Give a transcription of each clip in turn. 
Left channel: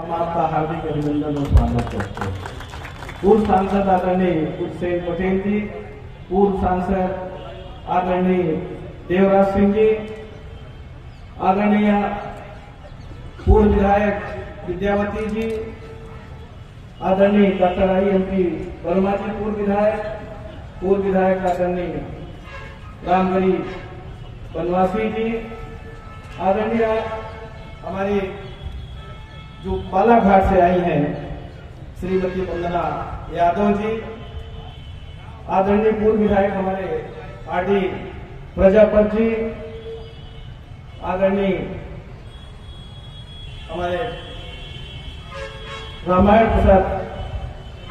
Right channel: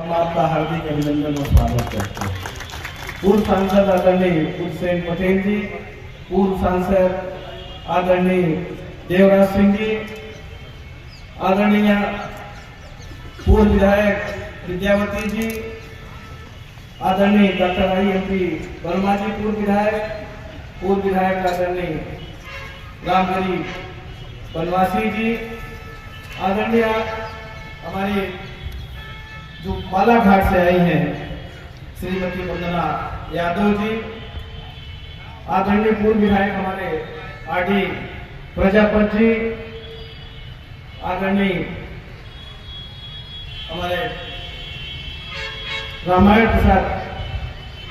हम आपका हार्दिक अभिनंदन और स्वागत करते हैं। पूर्व सांसद आदरणीय हुसैन पटेल जी, पूर्व सांसद आदरणीय देवराज सिंह जी, आदरणीय पूर्व विधायक विद्यावती जी, आदरणीय डॉक्टर आई.एम.पी. वर्मा जी पूर्व विधायक आदरणीय रामगढ़ी बनवासी जी, आदरणीय हमारी जो बालाघाट से आई हैं श्रीमती वंदना यादव जी, आदरणीय पूर्व विधायक हमारे आर.डी. प्रजापत जी, आदरणीय हमारे रामायण प्रसाद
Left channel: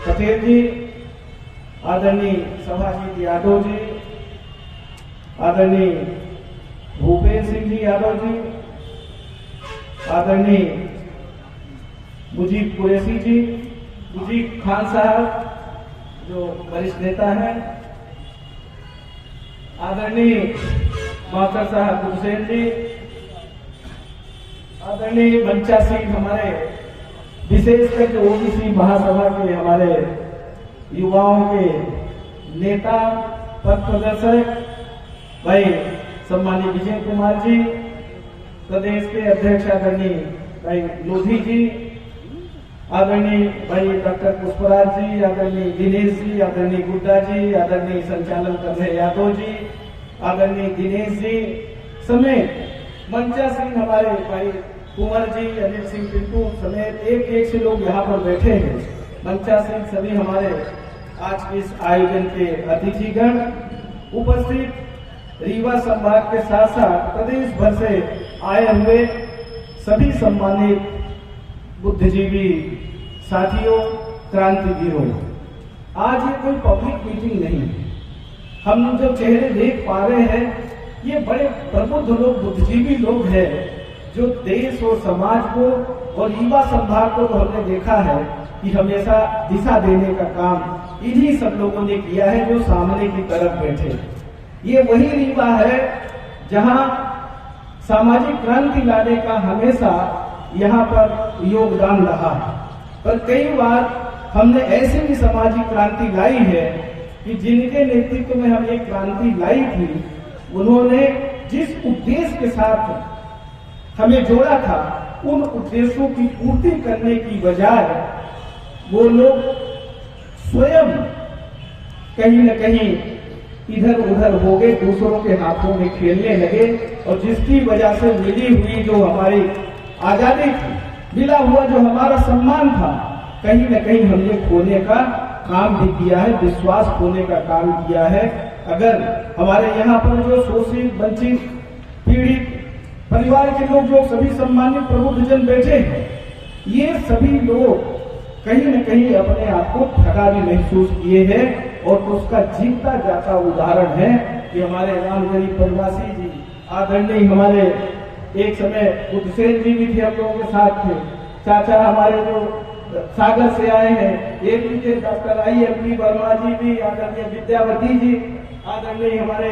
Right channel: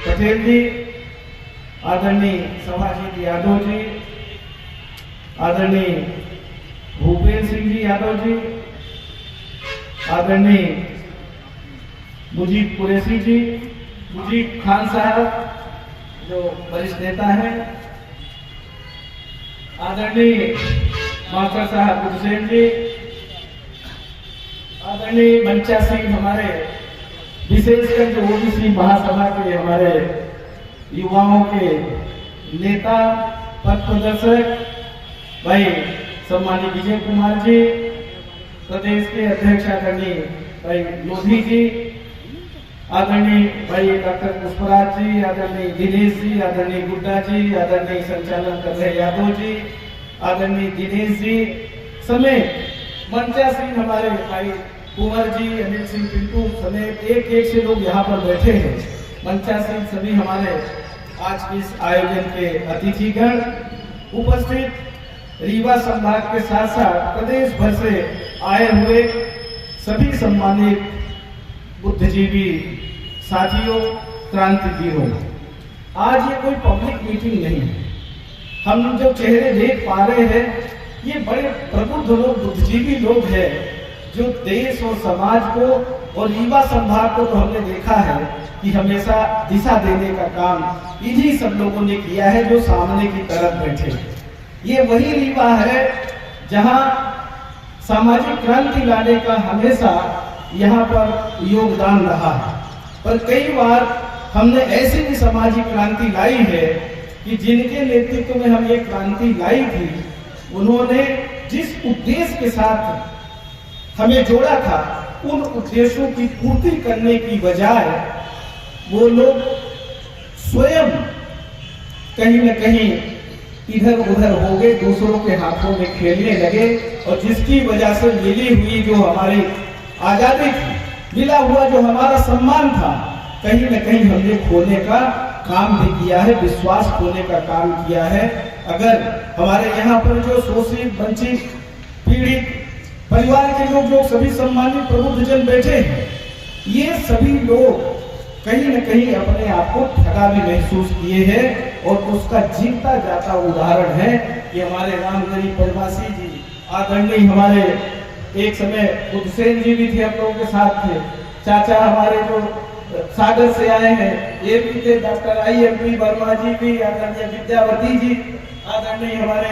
पटेल जी, आदरणीय सभाजीत यादव जी, आदरणीय भूपेंद्र सिंह जी यादव जी, आदरणीय मुजीब कुरैशी जी, मुजीब खान साहब जो वरिष्ठ नेता हैं, आदरणीय मास्टर साहब हुसैन जी, आदरणीय मंचा सिंह हमारे विशेषकर जो ओबीसी महासभा के हमारे युवाओं के नेता पथ प्रदर्शक भाई सम्मानित विजय कुमार जी, प्रदेश के अध्यक्ष आदरणीय भाई लोधी जी, आदरणीय भाई डॉक्टर पुष्पराज जी, आदरणीय दिनेश जी, आदरणीय गुड्डा जी, आदरणीय संचालन कर रहे यादव जी, आदरणीय दिनेश जी समेत मंचा सिंह हमारे भाई कुंवर जी, अनिल सिंह पिंटू समेत एक से लोग यहाँ पर बैठे हैं। मंचा सिंह सभी हमारे आज के इस आयोजन के अतिथिगण, उपस्थित रीवा संभाग के साथ साथ प्रदेश भर से आए हुए सभी सम्मानित बुद्धिजीवी साथियों, क्रांतिवीरों, आज ये कोई पब्लिक मीटिंग नहीं, हम जो चेहरे देख पा रहे हैं ये बड़े प्रबुद्ध लोग, बुद्धिजीवी लोग हैं जो देश और समाज को और रीवा संभाग को तो हमने देखा है कि हमेशा दिशा देने का काम इन्हीं सब लोगों ने किया है जो सामने की तरफ बैठे। ये वही रीवा है जहां सामाजिक क्रांति लाने का हमेशा यहाँ पर योगदान रहा है। पर कई बार हमने ऐसे भी सामाजिक क्रांति लाई है कि जिनके नेतृत्व में हम ये क्रांति लाई थी, उन्होंने जिस उद्देश्य के साथ हमें जोड़ा था उन उद्देश्यों की पूर्ति करने की बजाय वो लोग स्वयं कहीं न कहीं इधर उधर हो गए, दूसरों के हाथों में खेलने लगे और जिसकी वजह से मिली हुई जो हमारी आजादी थी, मिला हुआ जो हमारा सम्मान था, कहीं न कहीं हमने खोने का काम भी किया है, विश्वास खोने का काम किया है। अगर हमारे यहाँ पर जो शोषित वंचित पीड़ित परिवार के लोग जो सभी सम्मानित प्रबुद्धजन बैठे हैं, ये सभी लोग कहीं न कहीं अपने आप को ठगा भी महसूस किए हैं और उसका जीता जाता उदाहरण है कि हमारे रामगढ़ी प्रवासी जी, आदरणीय हमारे एक समय हुसैन जी भी थे, आप लोगों के साथ थे, चाचा हमारे जो सागर से आए हैं ये भी थे, डॉक्टर आई.एम.पी. वर्मा जी भी, आदरणीय विद्यावती जी, आदरणीय हमारे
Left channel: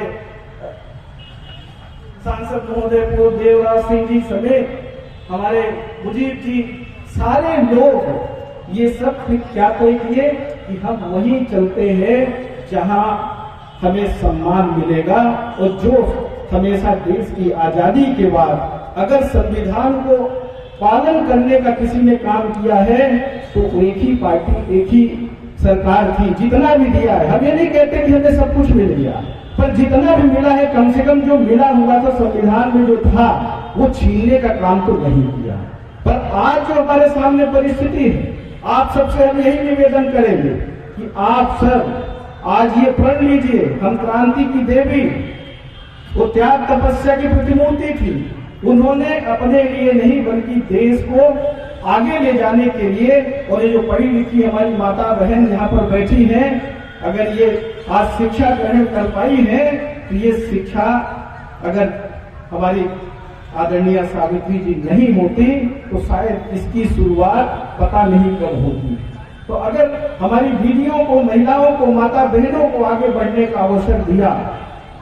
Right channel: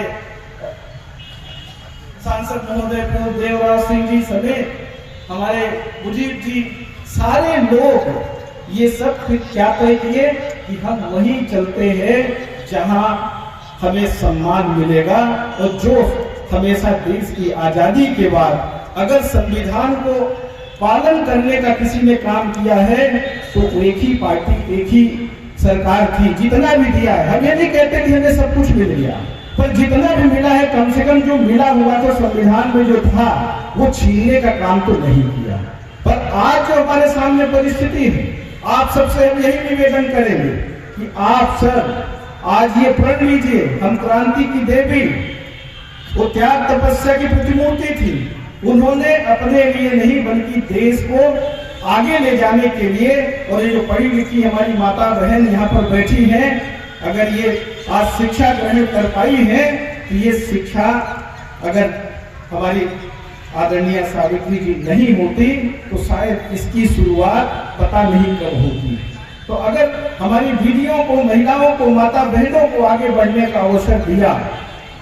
सांसद महोदय पूर्व देवराज सिंह जी समेत हमारे मुजीब जी, सारे लोग ये सब फिर क्या तय किए कि हम वहीं चलते हैं जहां हमें सम्मान मिलेगा और जो हमेशा देश की आजादी के बाद अगर संविधान को पालन करने का किसी ने काम किया है तो एक ही पार्टी, एक ही सरकार थी। जितना भी दिया है, हम ये नहीं कहते कि हमें सब कुछ मिल गया, पर जितना भी मिला है कम से कम जो मिला हुआ था संविधान में जो था वो छीनने का काम तो नहीं किया। पर आज जो हमारे सामने परिस्थिति है, आप सबसे हम यही निवेदन करेंगे कि आप सब आज ये प्रण लीजिए, हम क्रांति की देवी, वो त्याग तपस्या की प्रतिमूर्ति थी, उन्होंने अपने लिए नहीं बल्कि देश को आगे ले जाने के लिए, और ये जो पढ़ी लिखी हमारी माता बहन यहाँ पर बैठी हैं, अगर ये आज शिक्षा ग्रहण कर पाई है तो ये शिक्षा अगर हमारी आदरणीय सावित्री जी नहीं होती तो शायद इसकी शुरुआत पता नहीं कब होती। तो अगर हमारी दीदियों को, महिलाओं को, माता बहनों को आगे बढ़ने का अवसर दिया,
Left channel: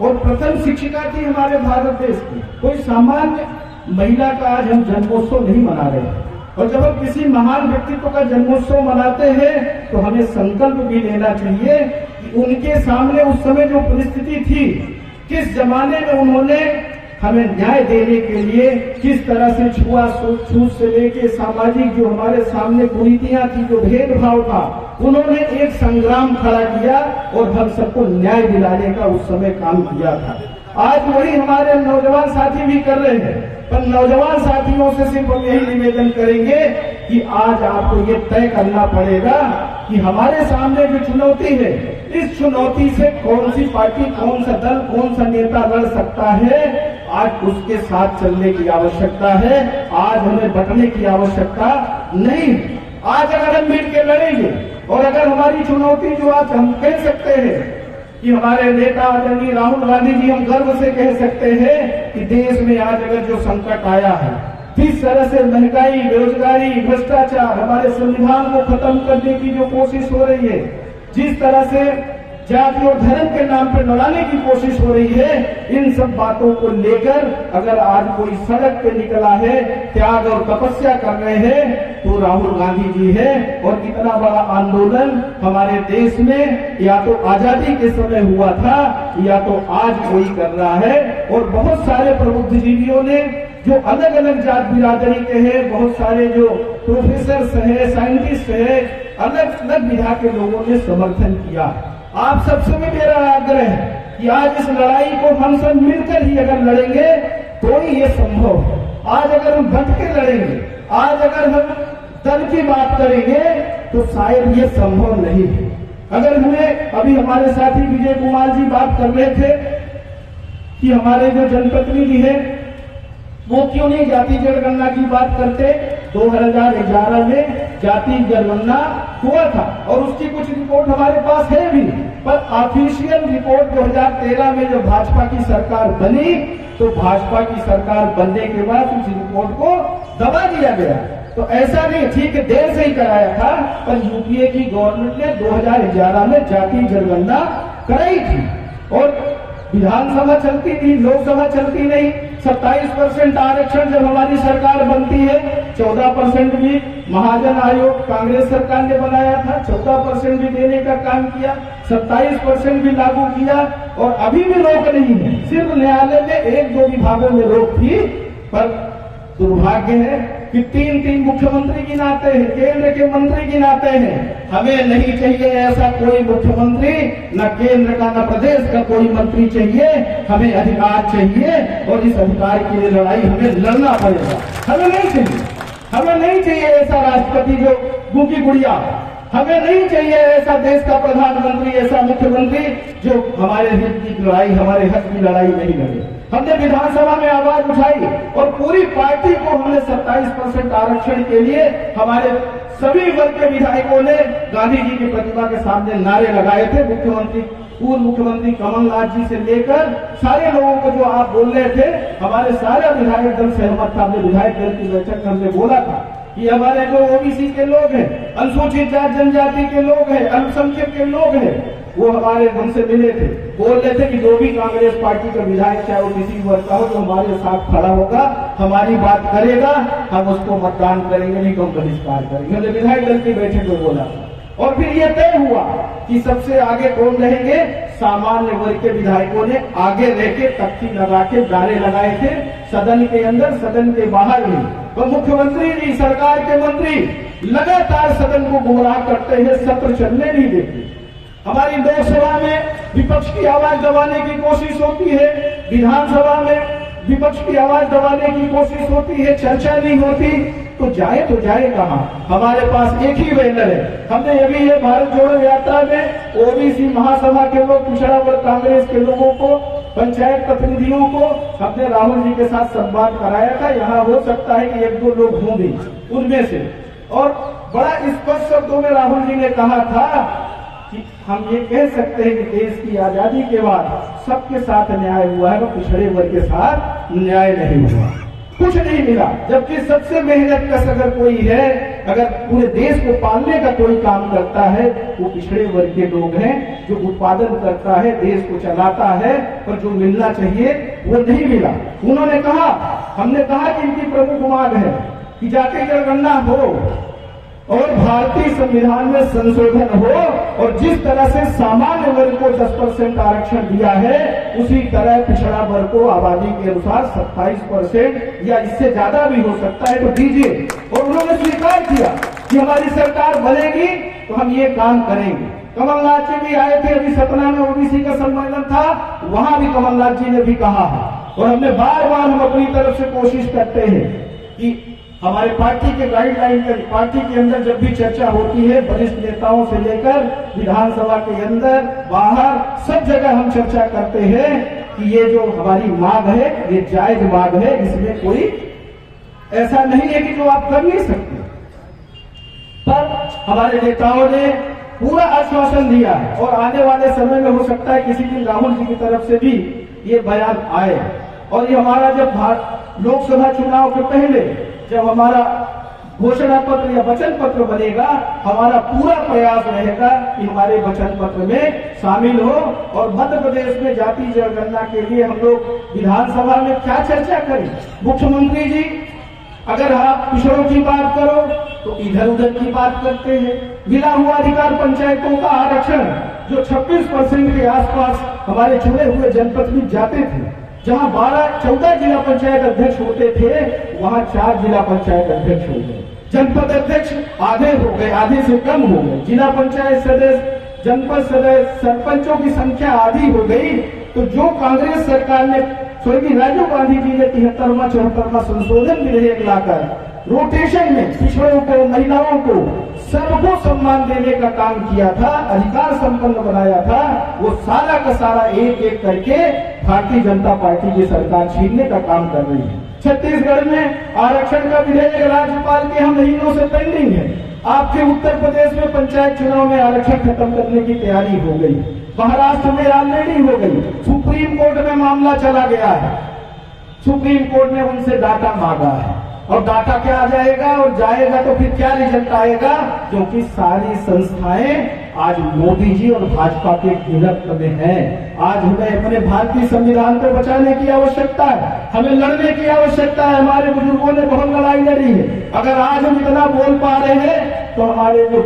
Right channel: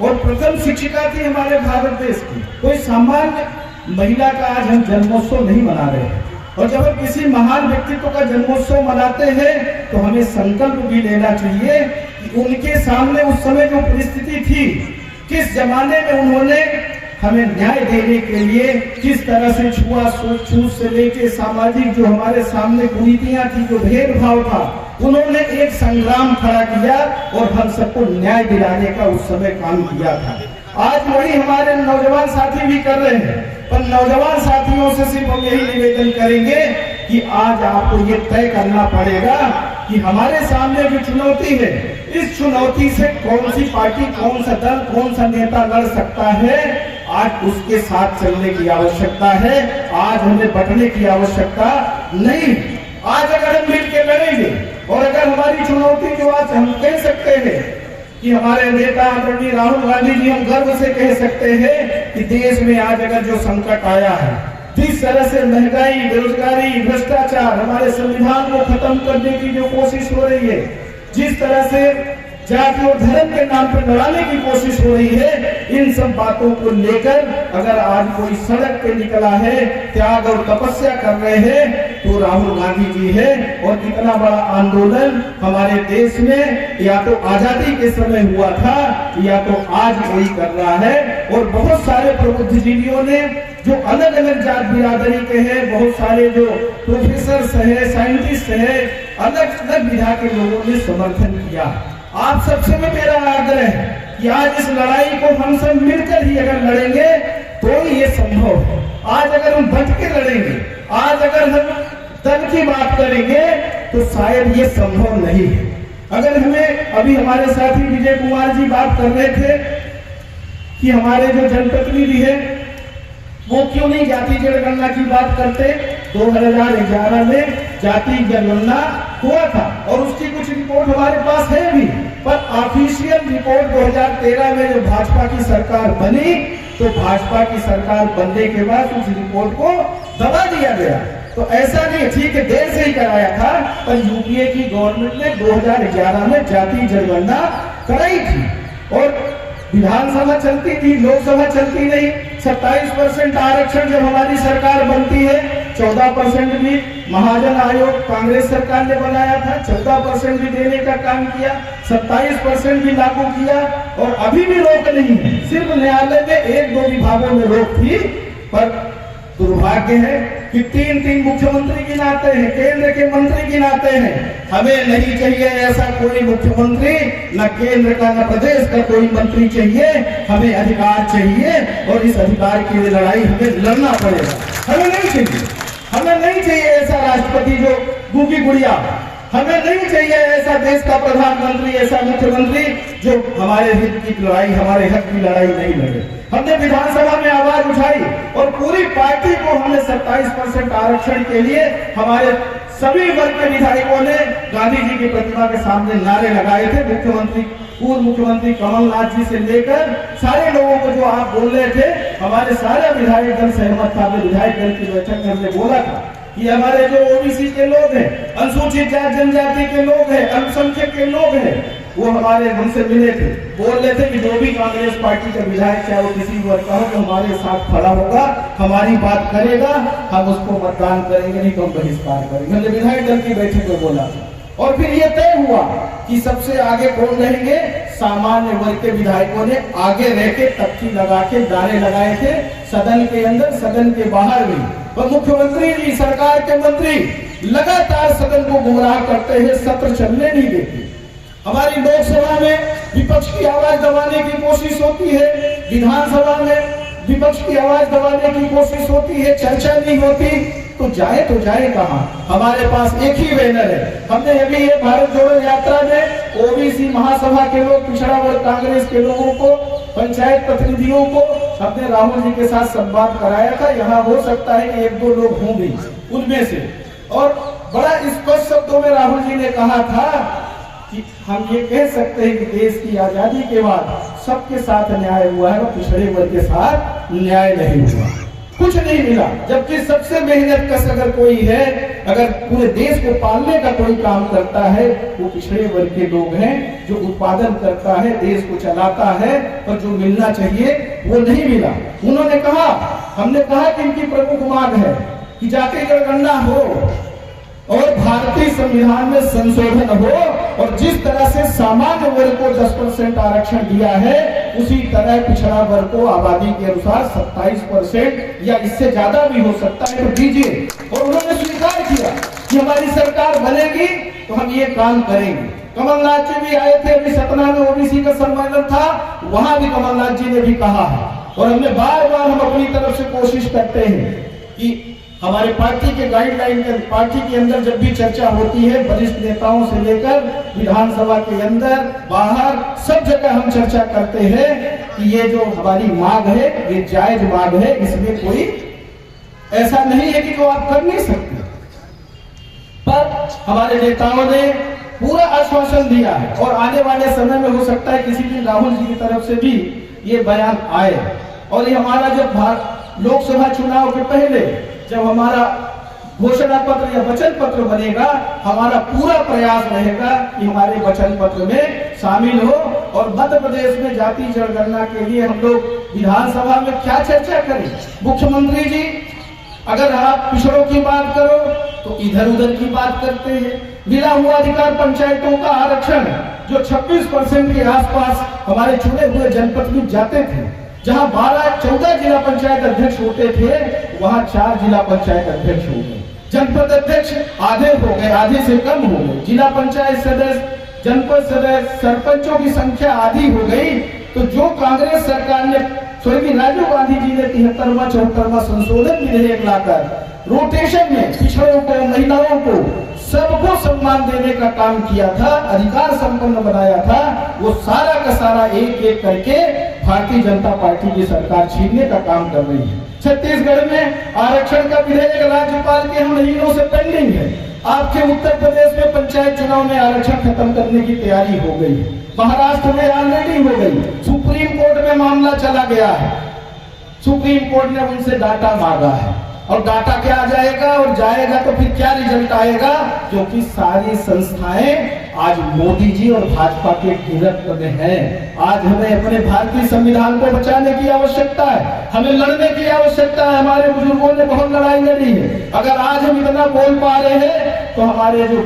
और प्रथम शिक्षिका थी हमारे भारत देश की, कोई सामान्य महिला का आज हम जन्मोत्सव नहीं मना रहे हैं, और जब हम किसी महान व्यक्तित्व का जन्मोत्सव मनाते हैं तो हमें संकल्प भी लेना चाहिए कि उनके सामने उस समय जो परिस्थिति थी, किस जमाने में उन्होंने हमें न्याय देने के लिए किस तरह से छूत से लेके सामाजिक जो हमारे सामने कुरीतियां थी, जो भेदभाव था, उन्होंने एक संग्राम खड़ा किया और हम सबको न्याय दिलाने का उस समय काम किया था। आज वही हमारे नौजवान साथी भी कर रहे हैं, पर नौजवान साथियों से सिर्फ हम यही निवेदन करेंगे कि आज आपको ये तय करना पड़ेगा कि हमारे सामने जो चुनौती है, इस चुनौती से कौन सी पार्टी, कौन सा दल, कौन सा नेता लड़ सकता है, आज उसके साथ चलने की आवश्यकता है। आज हमें बटने की आवश्यकता नहीं। आज अगर हम मिलकर लड़ेंगे और अगर हमारी चुनौती जो आज हम कह सकते हैं कि हमारे नेता आदरणीय राहुल गांधी जी, हम गर्व से कह सकते हैं कि देश में आज अगर जो संकट आया है, जिस तरह से महंगाई, बेरोजगारी, भ्रष्टाचार, हमारे संविधान को खत्म करने की जो कोशिश हो रही है, जिस तरह से जाति और धर्म के नाम पर लड़ाने की कोशिश हो रही है, इन सब बातों को लेकर अगर आज कोई सड़क पे निकला है, त्याग और तपस्या कर रहे हैं, तो राहुल गांधी जी है। और इतना बड़ा आंदोलन हमारे देश में या तो आजादी के समय हुआ था या तो आज कोई कर रहा है। और बहुत सारे प्रबुद्धजीवियों ने, जो अलग अलग जात बिरादरी के हैं, बहुत सारे जो प्रोफेसर हैं, साइंटिस्ट हैं, अलग अलग विधा के लोगों ने समर्थन किया। आप सबसे भी मेरा आग्रह है कि आज इस लड़ाई को हम सब मिलकर ही अगर लड़ेंगे तो ही ये संभव है। आज अगर हम बच के लड़ेंगे, आज अगर हम दल की बात करेंगे तो शायद ये संभव नहीं है। अगर हमें अभी हमारे साथी विजय कुमार जी बात कर रहे थे कि हमारे जो जनप्रतिनिधि है वो क्यों नहीं जाति जनगणना की बात करते। 2011 में जाति जनगणना हुआ था और उसकी कुछ रिपोर्ट हमारे पास है भी, पर ऑफिशियल रिपोर्ट 2013 में जो भाजपा की सरकार बनी, तो भाजपा की सरकार बनने के बाद उस रिपोर्ट को दबा दिया गया। तो ऐसा नहीं, ठीक है देर से ही कराया था, पर यूपीए की गवर्नमेंट ने 2011 में जाति जनगणना कराई थी और विधानसभा चलती थी, लोकसभा चलती नहीं। 27% आरक्षण जब हमारी सरकार बनती है, 14% भी महाजन आयोग कांग्रेस सरकार ने बनाया था, 14% भी देने का काम किया, 27% भी लागू किया और अभी भी रोक नहीं है। सिर्फ न्यायालय ने 1-2 विभागों में रोक थी, पर दुर्भाग्य है कि 3 मुख्यमंत्री गिनाते हैं, केंद्र के मंत्री गिनाते हैं। हमें नहीं चाहिए ऐसा कोई मुख्यमंत्री, न केंद्र का न प्रदेश का कोई मंत्री चाहिए। हमें अधिकार चाहिए और इस अधिकार की लड़ाई हमें लड़ना पड़ेगा। हमें नहीं चाहिए, हमें नहीं चाहिए ऐसा राष्ट्रपति जो गूंगी गुड़िया, हमें नहीं चाहिए ऐसा देश का प्रधानमंत्री, ऐसा मुख्यमंत्री जो हमारे हित की लड़ाई, हमारे हक की लड़ाई नहीं लड़े। हमने विधानसभा में आवाज उठाई और पूरी पार्टी को हमने 27% आरक्षण के लिए हमारे सभी वर्ग के विधायकों ने गांधी जी की प्रतिमा के सामने नारे लगाए थे। मुख्यमंत्री, पूर्व मुख्यमंत्री कमलनाथ जी से लेकर सारे लोगों को जो आप बोल रहे थे, हमारे सारे विधायक दल सहमत था। हमने विधायक दल की बैठक में हमने बोला था कि हमारे जो ओबीसी के लोग हैं, अनुसूचित जाति जनजाति के लोग हैं, अल्पसंख्यक के लोग हैं, वो हमारे हमसे मिले थे, बोल रहे थे कि जो भी कांग्रेस पार्टी का विधायक चाहे वो किसी वर्ग का हो, तो हमारे साथ खड़ा होगा, हमारी बात करेगा, हम उसको मतदान करेंगे, नहीं तो बहिष्कार करेंगे। हमने विधायक दल की बैठक में बोला था। और फिर ये तय हुआ कि सबसे आगे कौन रहेंगे, सामान्य वर्ग के विधायकों ने आगे रह के तख्ती लगा के नारे लगाए थे, सदन के अंदर, सदन के बाहर भी। और मुख्यमंत्री जी, सरकार के मंत्री लगातार सदन को गुमराह करते हैं, सत्र चलने नहीं देते। हमारी लोकसभा में विपक्ष की आवाज दबाने की कोशिश होती है, विधानसभा में विपक्ष की आवाज दबाने की कोशिश होती है, चर्चा नहीं होती, तो जाए कहां। हमारे पास एक ही बैनर है। हमने अभी ये भारत जोड़ो यात्रा में ओबीसी महासभा के लोग, पिछड़ा वर्ग कांग्रेस के लोगों को, पंचायत प्रतिनिधियों को हमने राहुल जी के साथ संवाद कराया था। यहाँ हो सकता है कि 1-2 लोग होंगे उनमें से, और बड़ा स्पष्ट शब्दों में राहुल जी ने कहा था कि हम ये कह सकते हैं कि देश की आजादी के बाद सबके साथ न्याय हुआ है, पिछड़े वर्ग के साथ न्याय नहीं हुआ, कुछ नहीं मिला। जबकि सबसे मेहनत कश अगर कोई है, अगर पूरे देश को पालने का कोई काम करता है, वो पिछड़े वर्ग के लोग हैं, जो उत्पादन करता है, देश को चलाता है, और जो मिलना चाहिए वो नहीं मिला। उन्होंने कहा, हमने कहा कि इनकी प्रमुख मांग है कि जाति जनगणना हो और भारतीय संविधान में संशोधन हो और जिस तरह से सामान्य वर्ग को 10% आरक्षण दिया है उसी तरह पिछड़ा वर्ग को आबादी के अनुसार 27% या इससे ज्यादा भी हो सकता है तो दीजिए। और उन्होंने स्वीकार किया कि हमारी सरकार बनेगी तो हम ये काम करेंगे। कमलनाथ जी भी आए थे, अभी सतना में ओबीसी का सम्मेलन था, वहां भी कमलनाथ जी ने भी कहा है और हमने बार बार हम अपनी तरफ से कोशिश करते हैं कि हमारे पार्टी के गाइडलाइन में, पार्टी के अंदर जब भी चर्चा होती है वरिष्ठ नेताओं से लेकर विधानसभा के अंदर बाहर सब जगह हम चर्चा करते हैं कि ये जो हमारी मांग है ये जायज मांग है, इसमें कोई ऐसा नहीं है कि जो आप कर नहीं सकते। पर हमारे नेताओं ने पूरा आश्वासन दिया है और आने वाले समय में हो सकता है किसी दिन राहुल जी की तरफ से भी ये बयान आए। और ये हमारा जब लोकसभा चुनाव के पहले जब हमारा घोषणा पत्र या वचन पत्र बनेगा, हमारा पूरा प्रयास रहेगा कि हमारे वचन पत्र में शामिल हो। और मध्य प्रदेश में जाति जनगणना के लिए हम लोग विधानसभा में क्या चर्चा करें। मुख्यमंत्री जी अगर आप पिछड़ों की बात करो तो इधर उधर की बात करते हैं। मिला हुआ अधिकार पंचायतों का आरक्षण जो 26% के आसपास हमारे चुने हुए जनपद में जाते थे, जहां 12-14 जिला पंचायत अध्यक्ष होते थे वहां 4 जिला पंचायत अध्यक्ष हो गए, जनपद अध्यक्ष आधे हो गए, आधे से कम हो गए, जिला पंचायत सदस्य, जनपद सदस्य, सरपंचों की संख्या आधी हो गई। तो जो कांग्रेस सरकार ने स्वर्गीय राजीव गांधी जी ने 73वां 74वां संशोधन विधेयक लाकर रोटेशन में पिछड़ों को, महिलाओं को, सबको सम्मान देने का काम किया था, अधिकार संपन्न बनाया था, वो सारा का सारा एक एक करके भारतीय जनता पार्टी की सरकार छीनने का काम कर रही है। छत्तीसगढ़ में आरक्षण का विधेयक राज्यपाल के हम महीनों से पेंडिंग है। आपके उत्तर प्रदेश में पंचायत चुनाव में आरक्षण खत्म करने की तैयारी हो गई, महाराष्ट्र में ऑलरेडी हो गई, सुप्रीम कोर्ट में मामला चला गया है, सुप्रीम कोर्ट ने उनसे डाटा मांगा है और डाटा क्या आ जाएगा और जाएगा तो फिर क्या रिजल्ट आएगा, क्योंकि सारी संस्थाएं आज मोदी जी और भाजपा के गिरफ्त में हैं। आज हमें अपने भारतीय संविधान को बचाने की आवश्यकता है, हमें लड़ने की आवश्यकता है। हमारे बुजुर्गों ने बहुत लड़ाई लड़ी है। अगर आज हम इतना बोल पा रहे हैं तो हमारे जो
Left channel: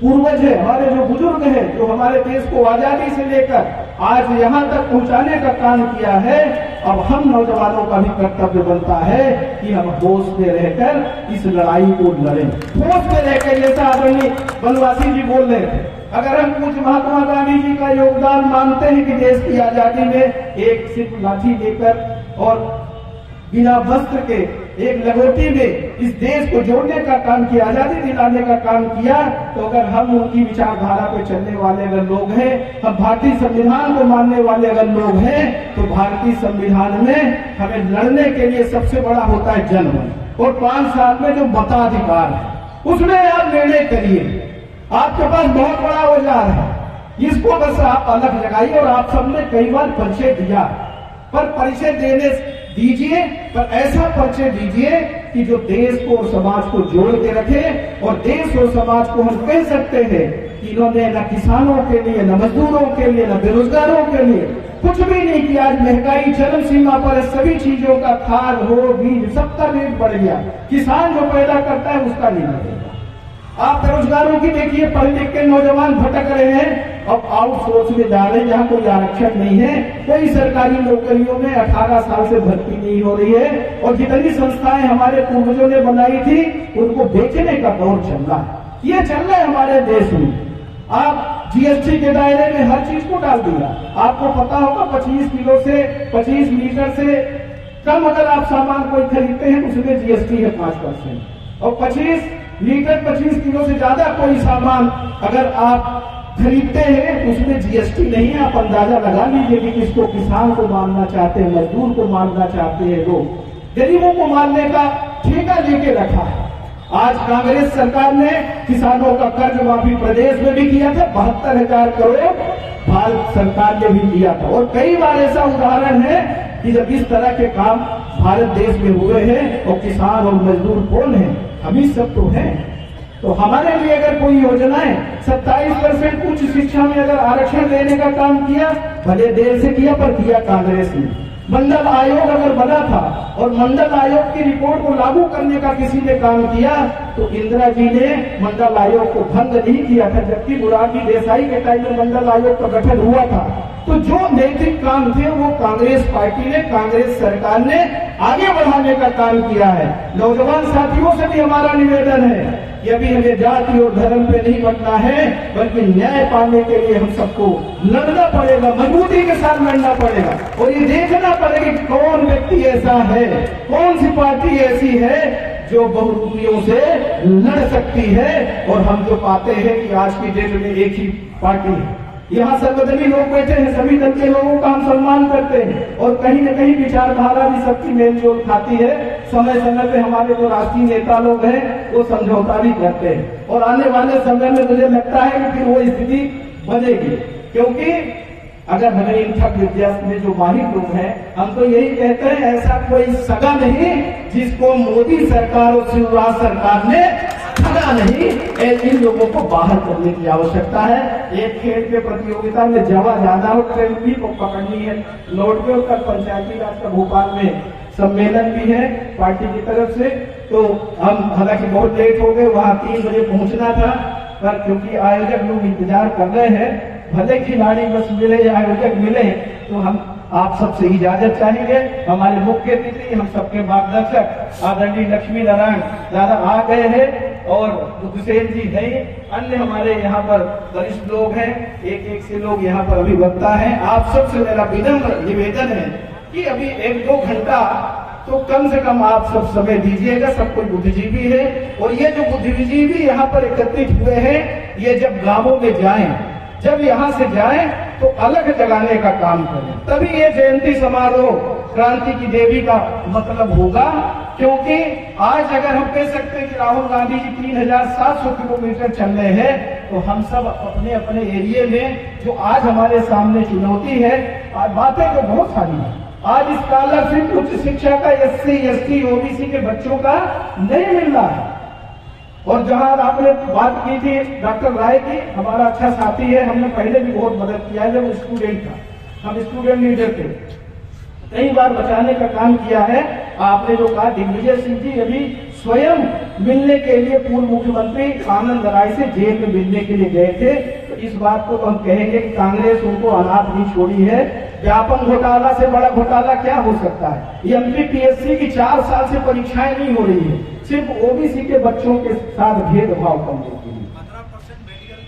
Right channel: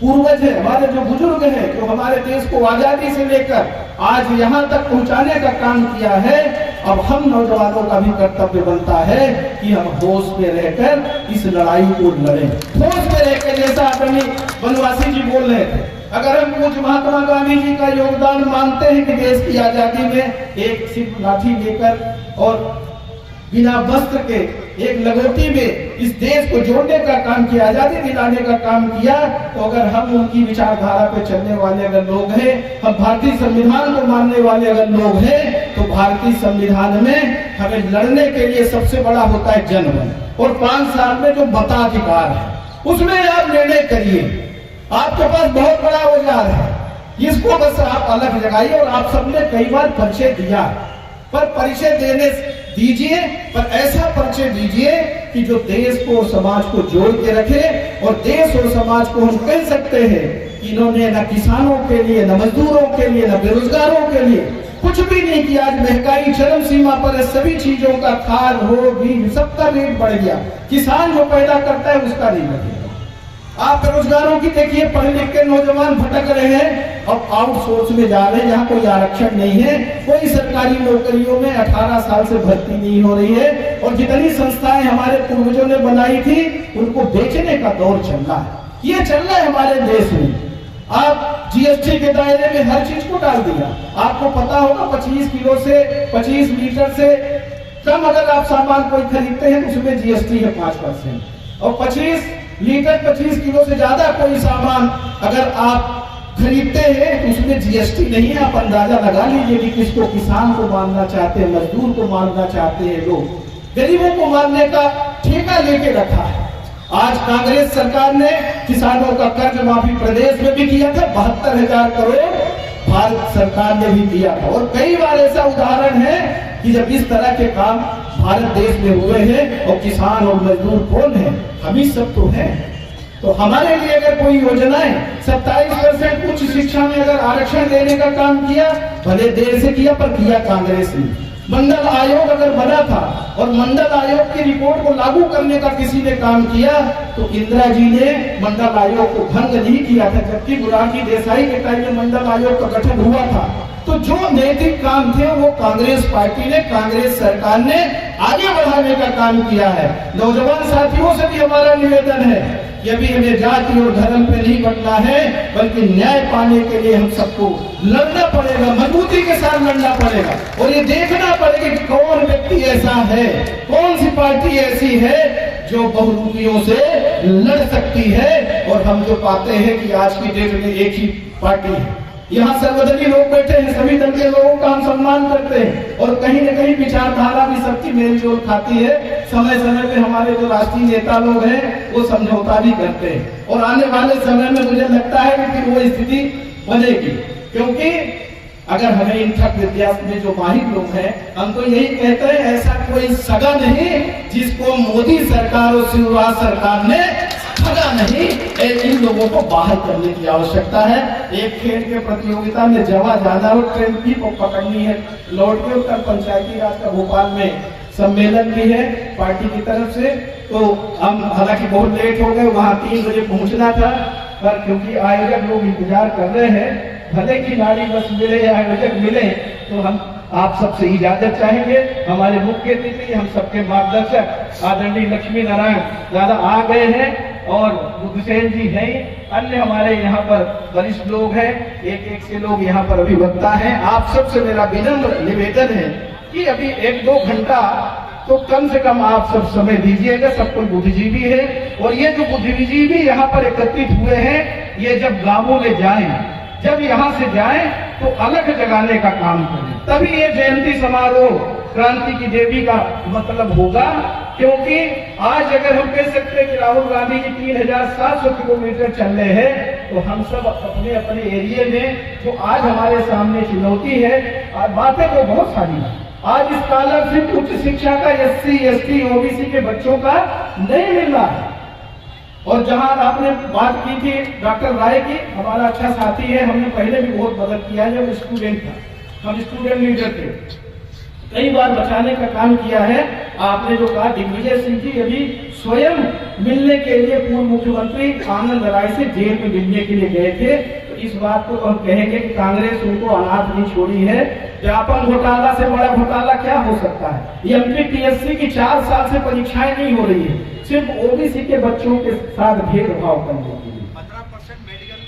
पूर्वज है, हमारे जो बुजुर्ग हैं, जो हमारे देश को आजादी से लेकर आज यहाँ तक पहुँचाने का काम किया है, अब हम नौजवानों का भी कर्तव्य बनता है कि हम होश में रहकर इस लड़ाई को लड़ें। होश में रहकर, जैसा आदरणीय वनवासी जी बोल रहे थे, अगर हम कुछ महात्मा गांधी जी का योगदान मानते हैं कि देश की आजादी में एक सिर्फ लाठी लेकर और बिना वस्त्र के एक लगोटी में इस देश को जोड़ने का काम किया, आजादी दिलाने का काम किया, तो अगर हम उनकी विचारधारा पे चलने वाले अगर लोग हैं, हम भारतीय संविधान को मानने वाले अगर लोग हैं, तो भारतीय संविधान में हमें लड़ने के लिए सबसे बड़ा होता है जन्म और 5 साल में जो मताधिकार है उसमें आप निर्णय करिए। आपके पास बहुत बड़ा औजार है, इसको बस आप अलग लगाइए। और आप सबने कई बार परिचय दिया, पर परिचय देने दीजिए, पर ऐसा परिचय दीजिए कि जो देश को और समाज को जोड़ के रखे। और देश और समाज को हम कह सकते हैं कि इन्होंने न किसानों के लिए, न मजदूरों के लिए, न बेरोजगारों के लिए कुछ भी नहीं किया। आज महंगाई चरम सीमा पर है, सभी चीजों का खाद हो, बीज, सबका रेट बढ़ गया। किसान जो पैदा करता है उसका नहीं लगेगा। आप बेरोजगारों की देखिए, पढ़े लिख के नौजवान भटक रहे हैं, अब आउटसोर्स में जा रहे हैं, यहाँ कोई आरक्षण नहीं है, कोई सरकारी नौकरियों में 18 साल से भर्ती नहीं हो रही है। और जितनी संस्थाएं हमारे पूर्वजों ने बनाई थी उनको बेचने का दौर चल रहा है। ये चल रहा है हमारे देश में। आप जीएसटी के दायरे में हर चीज को डाल दिया। आपको पता होगा 25 किलो से 25 लीटर से कम अगर आप सामान कोई खरीदते हैं उसमें जीएसटी है 5%, और 25 लीटर 25 किलो से ज्यादा कोई सामान अगर आप खरीदते हैं तो उसमें जीएसटी नहीं है। आप अंदाजा लगा लीजिए कि किसको, किसान को मारना चाहते हैं, मजदूर को मारना चाहते हैं, लोग गरीबों को मारने का ठेका लेके रखा है। आज कांग्रेस सरकार ने किसानों का कर्ज माफी प्रदेश में भी किया था, 72,000 करोड़ भारत सरकार ने भी दिया था। और कई बार ऐसा उदाहरण है कि जब इस तरह के काम भारत देश में हुए हैं, और किसान और मजदूर कौन है, हम ही सब तो हैं। तो हमारे लिए अगर कोई योजनाएं 27% उच्च शिक्षा में अगर आरक्षण देने का काम किया, भले देर से किया पर किया कांग्रेस ने। मंडल आयोग अगर बना था और मंडल आयोग की रिपोर्ट को लागू करने का किसी ने काम किया तो इंदिरा जी ने मंडल आयोग को भंग नहीं किया था, जबकि मोरारजी देसाई के टाइम में मंडल आयोग का गठन हुआ था। तो जो नैतिक काम थे वो कांग्रेस पार्टी ने, कांग्रेस सरकार ने आगे बढ़ाने का काम किया है। नौजवान साथियों से भी हमारा निवेदन है कि अभी हमें जाति और धर्म पे नहीं बटना है, बल्कि न्याय पाने के लिए हम सबको लड़ना पड़ेगा, मजबूती के साथ लड़ना पड़ेगा और ये देखना पड़ेगा कि कौन व्यक्ति ऐसा है, कौन सी पार्टी ऐसी है जो बहुरूपियों से लड़ सकती है। और हम जो पाते हैं कि आज की डेट में एक ही पार्टी है। यहाँ सर्वधर्मी लोग बैठे हैं, सभी दल के लोगों का हम सम्मान करते हैं और कहीं न कहीं विचारधारा भी सबकी मेलजोल खाती है। समय समय पे हमारे जो राष्ट्रीय नेता लोग हैं वो समझौता भी करते हैं और आने वाले समय में मुझे लगता है कि फिर वो स्थिति बनेगी, क्योंकि अगर हमें इन ठग विद्या में जो माहिर लोग हैं, हमको यही कहते हैं ऐसा कोई सगा नहीं जिसको मोदी सरकार और शिवराज सरकार ने ठगा नहीं। इन लोगों को बाहर करने की आवश्यकता है। एक खेल के प्रतियोगिता में जगह ज्यादा हो, ट्रेन भी को पकड़नी है, लौट के उत्तर पंचायती राज का भोपाल में सम्मेलन भी है पार्टी की तरफ से। तो हम हालांकि बहुत लेट हो गए, वहाँ 3 बजे पहुंचना था, पर क्योंकि आयोजक लोग इंतजार कर रहे हैं, भले खिलाड़ी बस मिले या आयोजक मिले, तो हम आप सबसे इजाजत चाहेंगे। हमारे मुख्य अतिथि, हम सबके मार्गदर्शक आदरणीय लक्ष्मी नारायण दादा आ गए हैं और हुसैन जी हैं, अन्य हमारे यहाँ पर वरिष्ठ लोग हैं, एक से लोग यहाँ पर अभिवक्ता हैं। आप सबसे मेरा विनम्र निवेदन है कि अभी 1-2 घंटा तो कम से कम आप सब समय दीजिएगा। सब कोई बुद्धिजीवी है और ये जो बुद्धिजीवी यहाँ पर एकत्रित हुए हैं, ये जब गांवों में जाएं, जब यहाँ से जाएं तो अलग जगाने का काम करें, तभी ये जयंती समारोह क्रांति की देवी का मतलब होगा। क्योंकि आज अगर हम कह सकते हैं कि राहुल गांधी जी 3700 किलोमीटर चल रहे हैं, तो हम सब अपने अपने एरिया में जो आज हमारे सामने चुनौती है, बातें तो बहुत सारी हैं। आज स्कॉलरशिप उच्च शिक्षा का SC, ST, OBC के बच्चों का नहीं मिल रहा है। और जहां आपने बात की थी डॉक्टर राय की, हमारा अच्छा साथी है, हमने पहले भी बहुत मदद किया है। जब स्टूडेंट था, हम स्टूडेंट लीडर थे, कई बार बचाने का काम किया है। आपने जो कहा दिग्विजय सिंह जी अभी स्वयं मिलने के लिए पूर्व मुख्यमंत्री आनंद राय से जेल में मिलने के लिए गए थे। तो इस बात को हम कहेंगे कि कांग्रेस उनको अनाथ नहीं छोड़ी है। व्यापम घोटाला से बड़ा घोटाला क्या हो सकता है। MPTSC की 4 साल से परीक्षाएं नहीं हो रही है, सिर्फ OBC के बच्चों के साथ भेदभाव करने के लिए। 15% मेडिकल,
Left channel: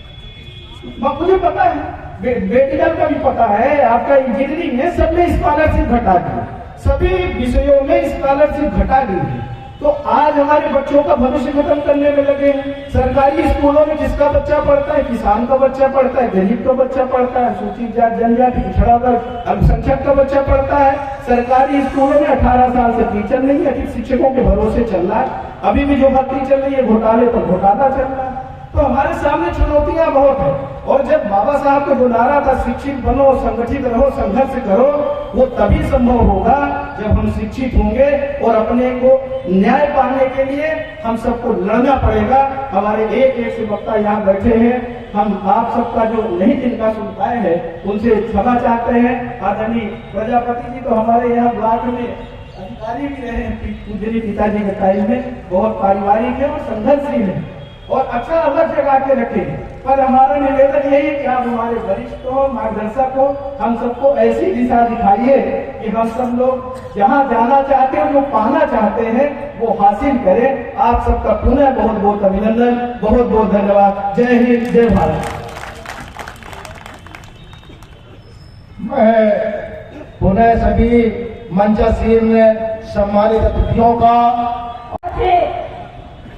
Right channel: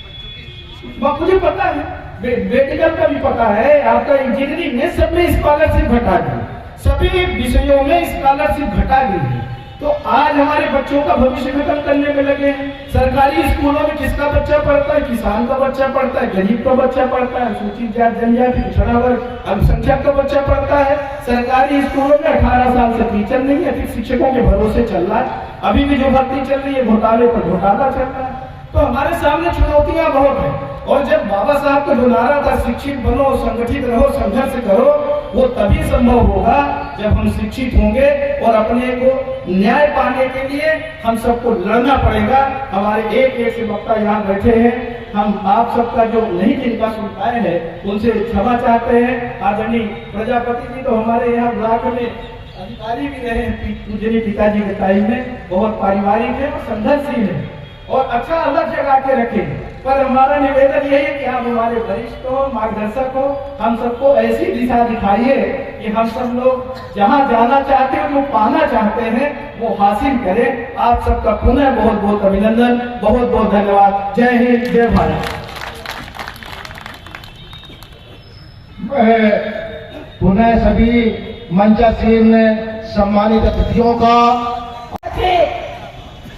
मुझे पता है, मेडिकल का भी पता है, आपका इंजीनियरिंग में सब में स्कॉलरशिप घटा दी, सभी विषयों में स्कॉलरशिप घटा दी है। तो आज हमारे बच्चों का भविष्य खत्म करने में लगे। सरकारी स्कूलों में किसका बच्चा पढ़ता है? किसान का बच्चा पढ़ता है, गरीब का बच्चा पढ़ता है, अनुसूचित जाति जनजाति पिछड़ा वर्ग अल्पसंख्यक का बच्चा पढ़ता है। सरकारी स्कूलों में 18 साल से टीचर नहीं है, शिक्षकों के भरोसे चल रहा है। अभी भी जो भर्ती चल रही है घोटाले पर घोटाला चल रहा है। तो हमारे सामने चुनौतियां बहुत है। और जब बाबा साहब का जो नारा था शिक्षित बनो, संगठित रहो, संघर्ष करो, वो तभी संभव होगा जब हम शिक्षित होंगे और अपने को न्याय पाने के लिए हम सबको लड़ना पड़ेगा। हमारे एक से वक्ता यहाँ बैठे हैं, हम आप सबका जो नहीं जिनका सुन पाए हैं उनसे क्षमा चाहते हैं। आदरणीय प्रजापति जी तो हमारे यहाँ ब्लॉक में अधिकारी भी रहे हैं, पूजनीय पिताजी के टाइम में, बहुत पारिवारिक है और संघर्षशील है और अच्छा अलग जगह के रखे। पर हमारा निवेदन यही है कि आप हमारे वरिष्ठ हो, मार्गदर्शक हो, हम सबको ऐसी दिशा दिखाइए कि हम सब लोग जहां जाना चाहते हैं, जो पाना चाहते हैं, वो हासिल करें। आप सबका पुनः बहुत बहुत अभिनंदन, बहुत बहुत धन्यवाद। जय हिंद, जय भारत। मैं पुनः सभी मंचासीन सम्मानित अतिथियों का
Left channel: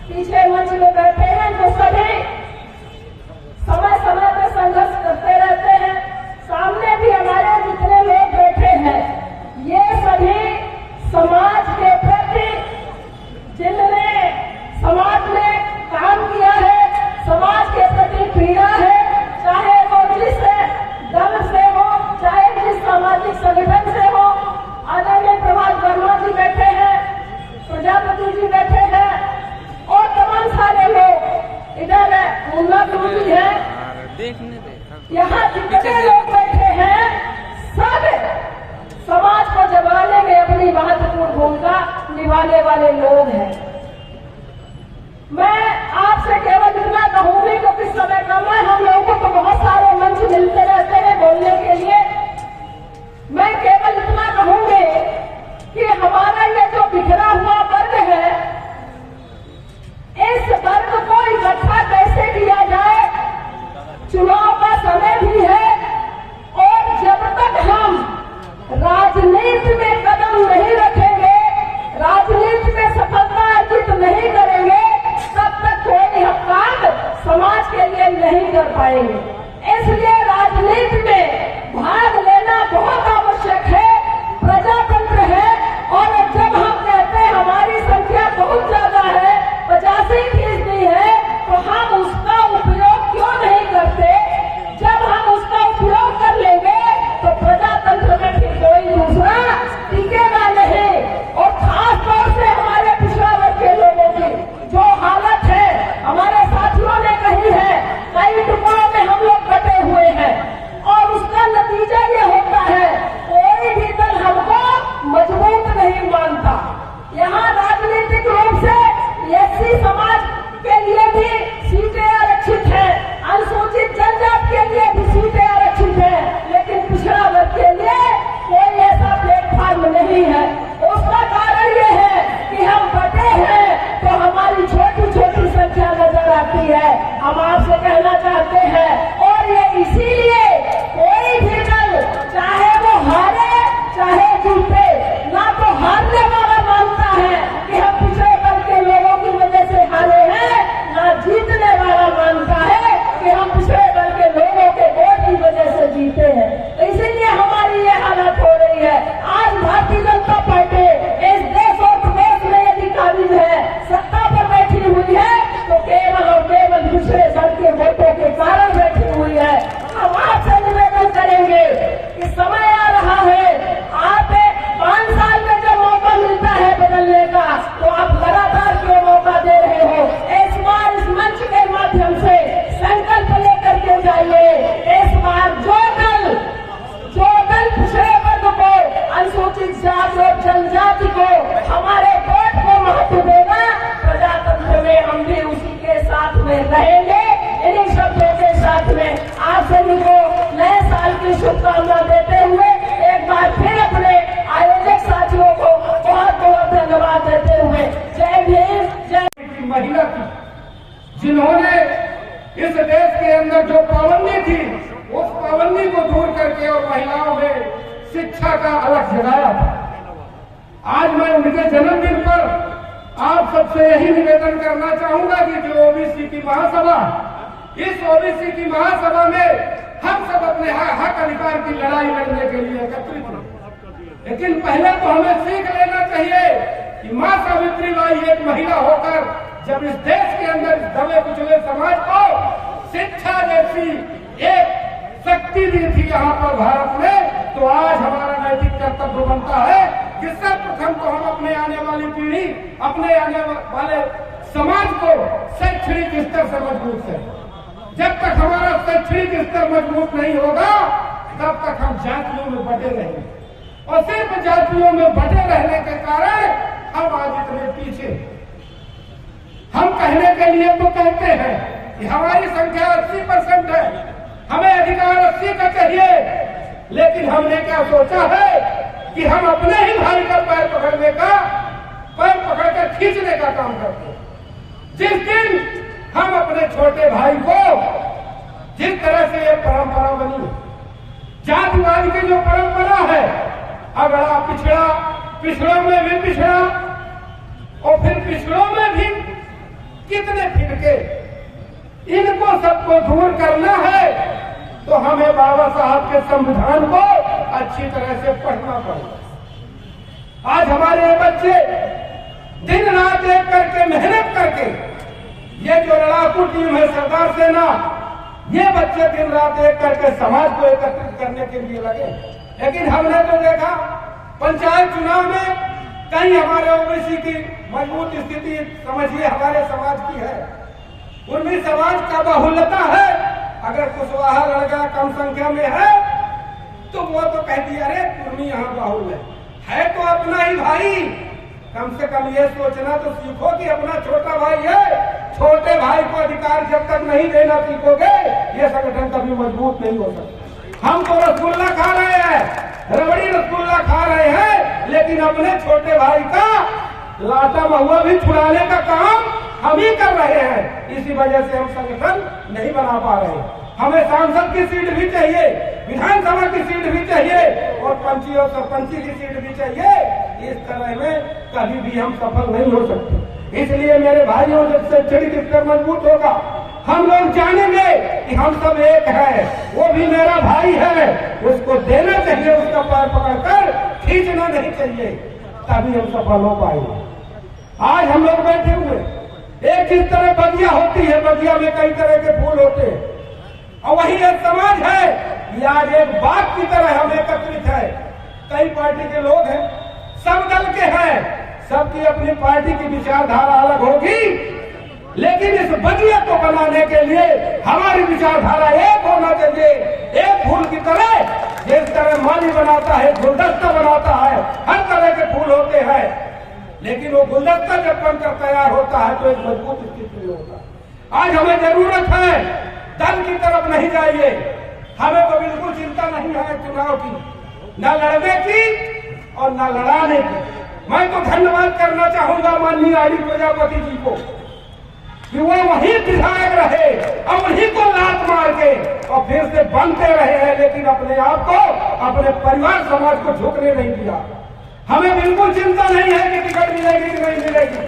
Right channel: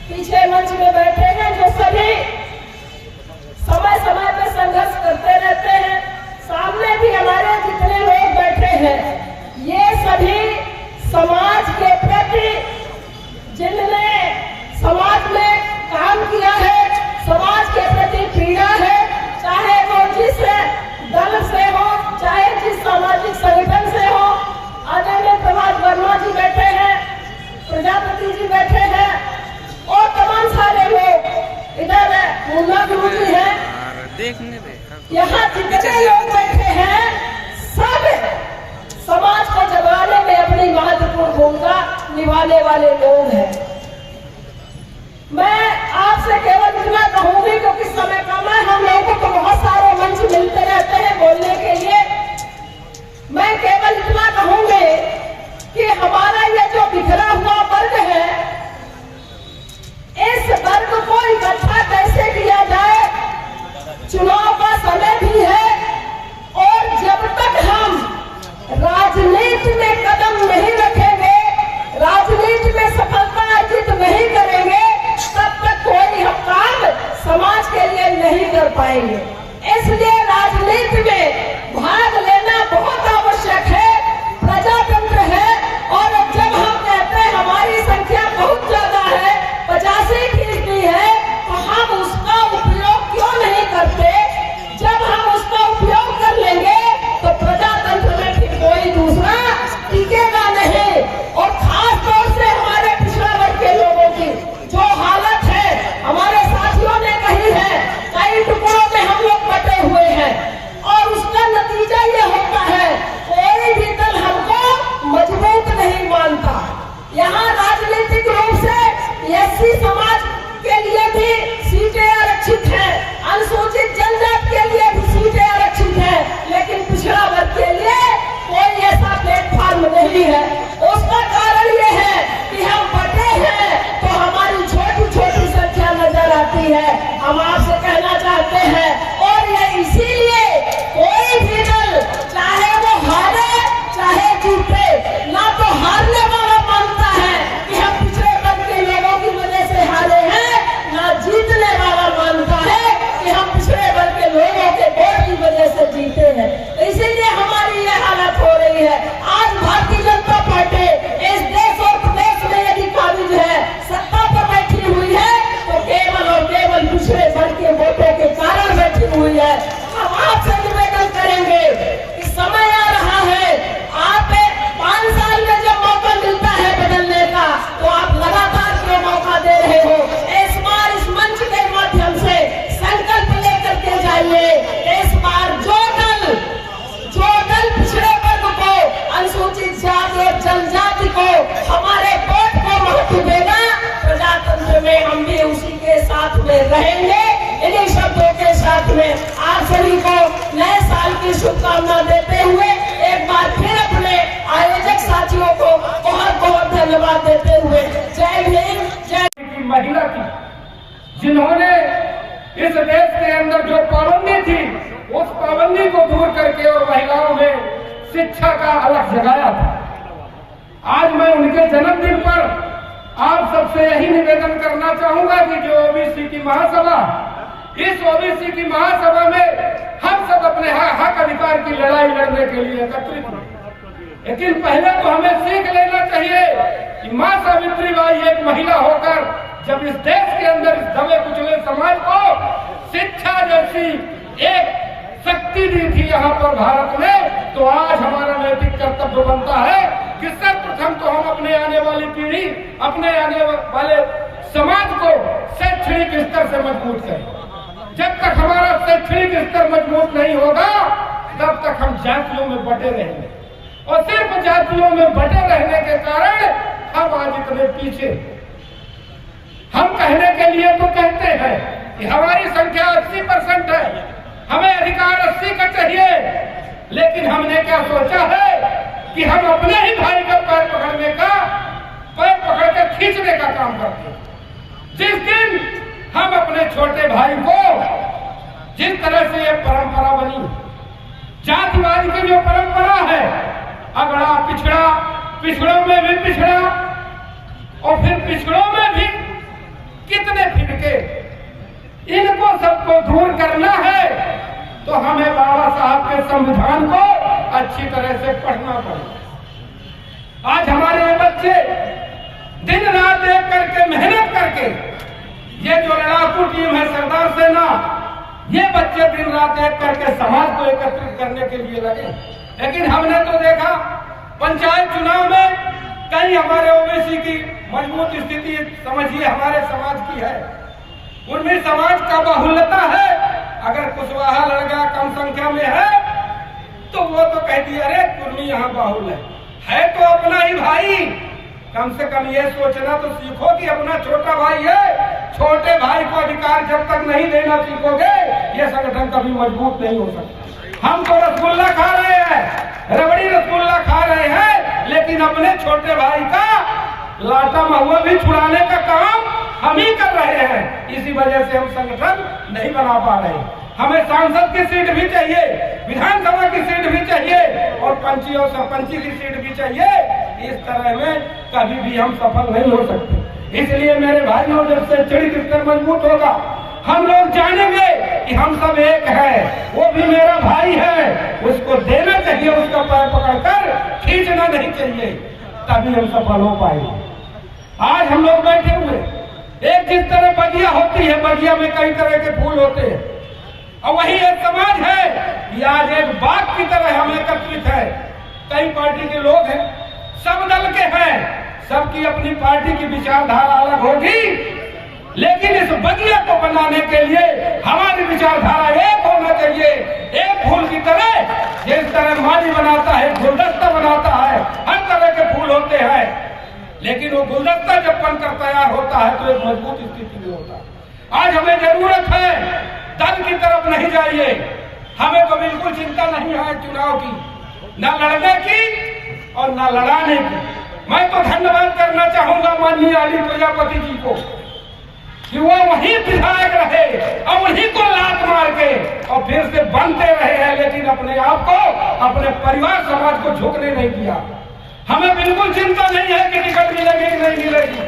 पीछे मंच में बैठे हैं जो सभी समय समय पर संघर्ष करते रहते हैं, सामने भी हमारे जितने लोग बैठे हैं, ये सभी समाज के प्रति जिन्होंने समाज में काम किया है, समाज के प्रति पीड़ा है, चाहे वो जिस दल से हो, चाहे जिस सामाजिक संगठन से हो। आदरणीय प्रभात वर्मा जी बैठे हैं, प्रजापति जी बैठे हैं और तमाम सारे लोग इधर है, यहाँ जितने लोग बैठे हैं सब समाज को जमाने में अपनी महत्वपूर्ण भूमिका निभाने वाले लोग हैं। मैं आपसे केवल इतना कहूंगी क्योंकि समय कम है, हम लोगों को बहुत सारे मंच मिलते रहते हैं बोलने के लिए। मैं केवल इतना कहूंगी कि हमारा ये जो बिखरा हुआ वर्ग है, इस वर्ग को इकट्ठा कैसे किया जाए। चुनाव का समय भी है और जब तक हम राजनीति में कदम नहीं रखेंगे, राजनीति में सफलता अर्जित नहीं करेंगे, तब तक कोई हम काम समाज के लिए नहीं कर पाएंगे। इसलिए राजनीति में भाग लेना बहुत आवश्यक है, प्रजातंत्र है। और जब हम कहते हैं हमारी संख्या बहुत ज्यादा है, 85% है, तो हम उसका उपयोग क्यों नहीं करते। जब हम उसका उपयोग कर लेंगे तो प्रजातंत्र में फिर कोई दूसरा टिकेगा नहीं। और खास तौर से हमारे पिछड़ा वर्ग के लोगों की जो हालत है, हमारे साथियों ने कही है, कई टुकड़ों में हम लोग बटे हुए हैं और उसका नतीजा ये होता है कोई भी दल हमको मजबूत नहीं मानता। यहाँ राजनीतिक रूप से एससी समाज के लिए भी सीटें आरक्षित है, अनुसूचित जनजाति के लिए भी सीटें आरक्षित है, लेकिन पिछड़ा वर्ग के लिए कोई ऐसा प्लेटफॉर्म नहीं है। उसका कारण ये है कि हम बटे हैं तो हमारी छोटी छोटी संख्या नजर आती है। हम आपसे कहना चाहते हैं, और ये इसीलिए कोई भी दल चाहे वो हारे चाहे जीते, ना तो हारने वाला मानता है कि हम पिछड़े वर्ग के लोगों की वजह से हारे हैं, ना जीतने वाला मानता है कि हम पिछड़े वर्ग के लोगों के वोट की वजह से जीते हैं। इसीलिए हमारी ये हालत हो रही है। आज भारतीय जनता पार्टी इस देश और प्रदेश में यदि काबिज है, सत्ता पर बैठी हुई है, तो केवल और केवल पिछड़े वर्ग के वोटों के कारण बैठी हुई है। हम आपसे निवेदन करेंगे कि समय आ रहा है, आप 5 साल में जब मौका मिलता है बदलने का, तो आप लगातार क्यों मौका दे रहे हो। इस बार इस मंच के माध्यम से संकल्प लेकर के जाइए। इस बार जो दल पिछड़े वर्ग को, अनुसूचित जाति और जनजाति को, हमारे वोट को महत्व देगा, प्रजातंत्र में हम भी उसी के साथ में रहेंगे। इन्हीं शब्दों के साथ में आप सभी को नए साल की शुभकामना देते हुए एक बार फिर अपने आयोजक साथियों को बहुत बहुत धन्यवाद देते हुए जय भीम जय। महिला थी जिन्होंने इस देश के अंदर जो पाबंदी थी, उस पाबंदी को दूर करके और महिलाओं में शिक्षा का अलग जगाया था। आज मैं उनके जन्मदिन पर आप सबसे यही निवेदन करना चाहूंगा कि जो ओबीसी की महासभा, इस ओबीसी की महासभा में हम सब अपने हक अधिकार की लड़ाई लड़ने के लिए एकत्रित हुए। लेकिन पहले तो हमें सीख लेना चाहिए कि मां सावित्री बाई एक महिला होकर जब इस देश के अंदर इस दबे कुचले समाज को शिक्षा जैसी एक शक्ति दी थी यहाँ पर भारत में, तो आज हमारा नैतिक कर्तव्य बनता है कि सर्वप्रथम तो हम अपने आने वाली पीढ़ी, अपने आने वाले समाज को शैक्षणिक स्तर से मजबूत करें। जब तक हमारा शैक्षणिक स्तर मजबूत नहीं होगा, तब तक हम जातियों में बटे रहेंगे, और सिर्फ जातियों में बटे रहने के कारण हम आज इतने पीछे। हम कहने के लिए तो कहते हैं कि हमारी संख्या 80% है, हमें अधिकार 80 का चाहिए, लेकिन हमने क्या सोचा है कि हम अपने ही भाई का पैर पकड़ने का, पैर पकड़कर खींचने का काम करते हैं। जिस दिन हम अपने छोटे भाई को, जिस तरह से ये परंपरा बनी, जातिवाद की जो परंपरा है, अगड़ा पिछड़ा, पिछड़ों में भी पिछड़ा, और फिर पिछड़ों में भी कितने फिटके, इनको सबको दूर करना है तो हमें बाबा साहब के संविधान को अच्छी तरह से पढ़ना पड़ेगा। आज हमारे बच्चे दिन रात एक करके मेहनत करके, ये जो लड़ाकू टीम है सरदार सेना, ये बच्चे दिन रात एक करके समाज को एकत्रित करने के लिए लगे। लेकिन हमने तो देखा पंचायत चुनाव में कहीं हमारे ओबीसी की मजबूत स्थिति समझिए हमारे समाज की है, उनमें समाज का बाहुल्यता है। अगर कुशवाहा लड़का कम संख्या में है तो वो तो कहती है अरे कुर्मी यहाँ बाहुल है, है तो अपना ही भाई। कम से कम ये सोचना तो सीखो कि अपना छोटा भाई है। छोटे भाई को अधिकार जब तक नहीं देना सीखोगे, ये संगठन कभी मजबूत नहीं हो सकता। हम तो रसगुल्ला खा रहे हैं, रबड़ी रसगुल्ला खा रहे हैं, लेकिन अपने छोटे भाई का लाटा महुआ भी छुड़ाने का काम हम ही कर रहे हैं। इसी वजह से हम संगठन नहीं बना पा रहे। हमें सांसद की सीट भी चाहिए, विधानसभा की सीट भी चाहिए और पंची और सरपंची की सीट भी चाहिए। इस तरह में कभी भी हम सफल नहीं हो सकते। इसलिए मेरे भाइयों, जब से चरित्र स्तर मजबूत होगा, हम लोग जानेंगे कि हम सब एक हैं। वो भी मेरा भाई है, उसको देना चाहिए, उसका पैर पकड़कर खींचना नहीं चाहिए, तभी हम सफल हो पाएंगे। आज हम लोग बैठे हुए, एक जिस तरह बगिया होती है, बगिया में कई तरह के फूल होते हैं, और वही एक समाज है कि आज एक बाग की तरह हम एकत्रित है। कई पार्टी के लोग हैं, सब दल के हैं, सबकी अपनी पार्टी की विचारधारा अलग होगी, लेकिन इस बगिया को बनाने के लिए हमारी विचारधारा एक होना चाहिए। एक फूल की तरह, जिस तरह माली बनाता है, गुलदस्ता बनाता है, हर तरह के फूल होते हैं, लेकिन वो गुलदस्ता जब बनकर तैयार होता है तो एक मजबूत स्थिति में होता है। आज हमें जरूरत है दल की तरफ नहीं जाइए। हमें तो बिल्कुल चिंता नहीं है चुनाव की, न लड़ने की और न लड़ाने की। मैं तो धन्यवाद करना चाहूंगा माननीय आली प्रजापति जी को कि वो वही विधायक रहे और वही को लात मार के और फिर से बनते रहे हैं, लेकिन अपने आप को, अपने परिवार समाज को झुकने नहीं दिया। हमें बिल्कुल चिंता नहीं है कि टिकट मिलेगी कि नहीं मिलेगी,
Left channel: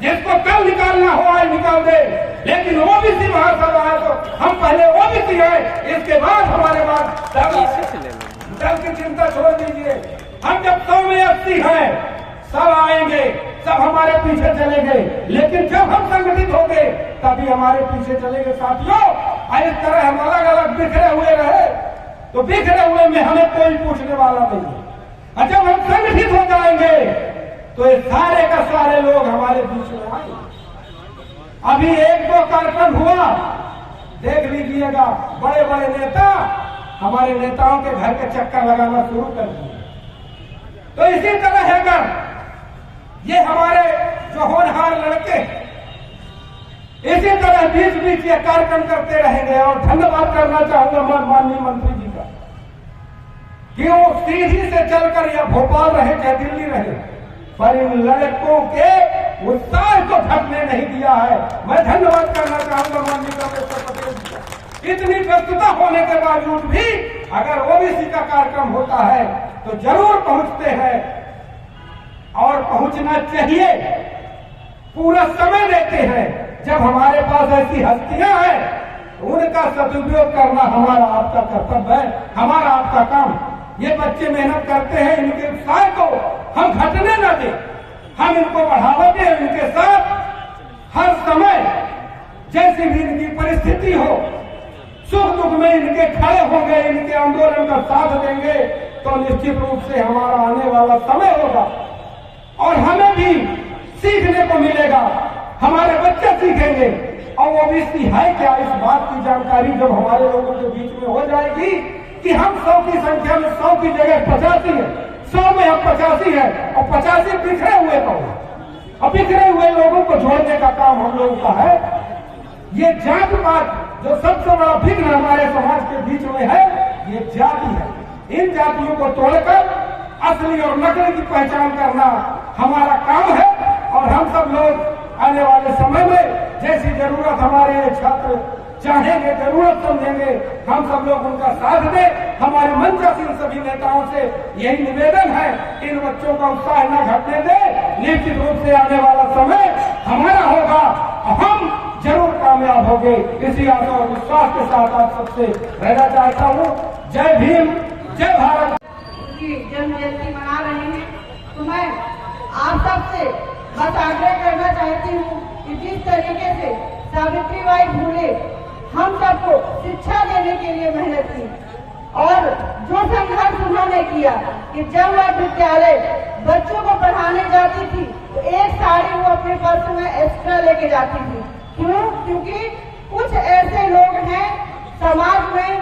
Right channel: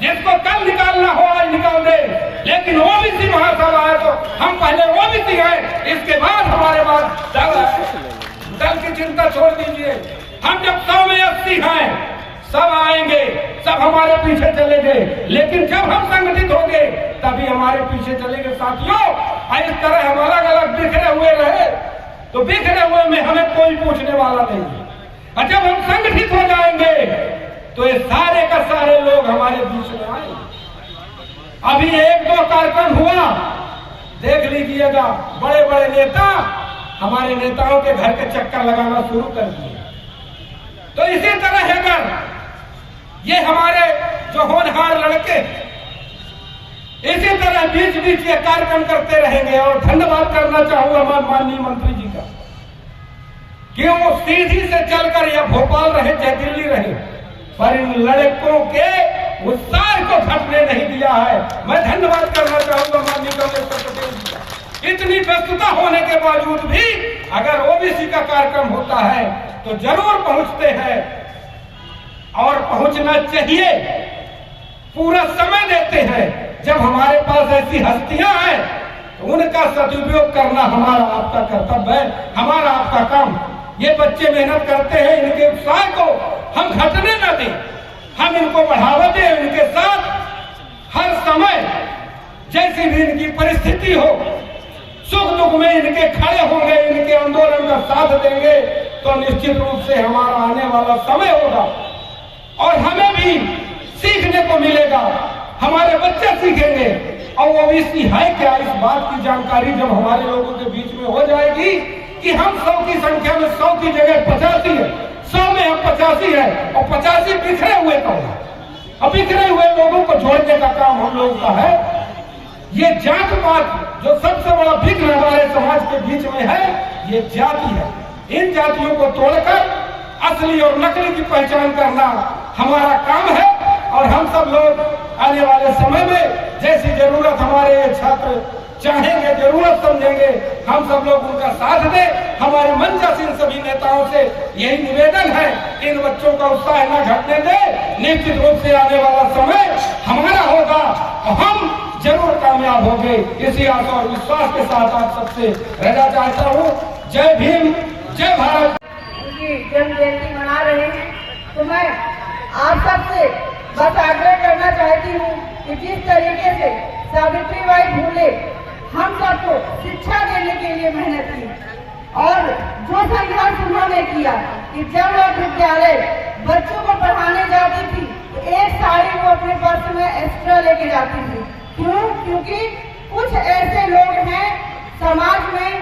जिसको कल निकालना हो आज निकाल दे, लेकिन ओबीसी महासभा है तो हम पहले ओबीसी हैं, इसके बाद हमारे पास दल की चिंता छोड़ दीजिए। हम जब 100 में 80 हैं, सब आएंगे, सब हमारे पीछे चलेंगे, लेकिन जब हम संगठित होंगे तभी हमारे पीछे चलेंगे। साथियों, इस तरह हम अलग अलग बिखरे हुए रहे तो बिखरे हुए में हमें कोई पूछने वाला नहीं, और जब हम संगठित हो जाएंगे तो ये सारे का सारे लोग हमारे बीच में आएंगे। अभी 1-2 कार्यक्रम हुआ, देख लीजिएगा, बड़े बड़े नेता हमारे नेताओं के घर के चक्कर लगाना शुरू कर दिए। तो इसी तरह है अगर ये हमारे जो होनहार लड़के इसी तरह बीच बीच ये कार्यक्रम करते रहेंगे। और धन्यवाद करना चाहूंगा मैं माननीय मंत्री जी का कि वो सीधी से चलकर या भोपाल रहे चाहे दिल्ली रहे, पर इन लड़कों के उत्साह को घटने नहीं दिया है। मैं धन्यवाद करना चाहूंगा माननीय कमलेश्वर पटेल जी का। इतनी व्यस्तता होने के बावजूद भी अगर ओबीसी का कार्यक्रम होता है तो जरूर पहुंचते हैं और पहुंचना चाहिए, पूरा समय देते हैं। जब हमारे पास ऐसी हस्तियां हैं तो उनका सदुपयोग करना हमारा आपका कर्तव्य है, हमारा आपका काम। ये बच्चे मेहनत करते हैं, इनके उत्साह को हम घटने न दें, हम इनको बढ़ावा दें। इनके साथ हर समय जैसी भी इनकी परिस्थिति हो, सुख दुख में इनके खड़े होंगे, इनके आंदोलन का साथ देंगे, तो निश्चित रूप से हमारा आने वाला समय होगा और हमें भी सीखने को मिलेगा, हमारे बच्चे सीखेंगे। और ओबीसी है क्या, इस बात की जानकारी जब हमारे लोगों के बीच में हो जाएगी कि हम 100 की संख्या में 100 की जगह 85 है, 100 में हम 85 है और 85 बिखरे हुए तो और बिखरे हुए लोगों को जोड़ने का काम हम लोगों का है। ये जात पात जो सबसे बड़ा विघ्न हमारे समाज के बीच में है, ये जाति है। इन जातियों को तोड़कर असली और नकली की पहचान करना हमारा काम है। और हम सब लोग आने वाले समय में जैसी जरूरत हमारे छात्र चाहेंगे, जरूरत समझेंगे, हम सब लोग उनका साथ दें। हमारे मंचासीन सभी नेताओं से यही निवेदन है, इन बच्चों का उत्साह न घटने दें। निश्चित रूप से आने वाला समय हमारा होगा और हम जरूर कामयाब होंगे। इसी आशा और विश्वास के साथ आप सबसे रहना चाहता हूँ। जय भीम, जय भारत। उनकी जन्म जयंती मना रहे हैं तो मैं आप सबसे बस आग्रह करना चाहती हूँ कि जिस तरीके से सावित्रीबाई फुले हम सबको शिक्षा देने के लिए मेहनत की और जो संघर्ष उन्होंने किया कि जब वह विद्यालय बच्चों को पढ़ाने जाती थी तो एक साड़ी वो अपने पर्स में एक्स्ट्रा लेके जाती थी। क्यों? क्योंकि कुछ ऐसे लोग हैं समाज में,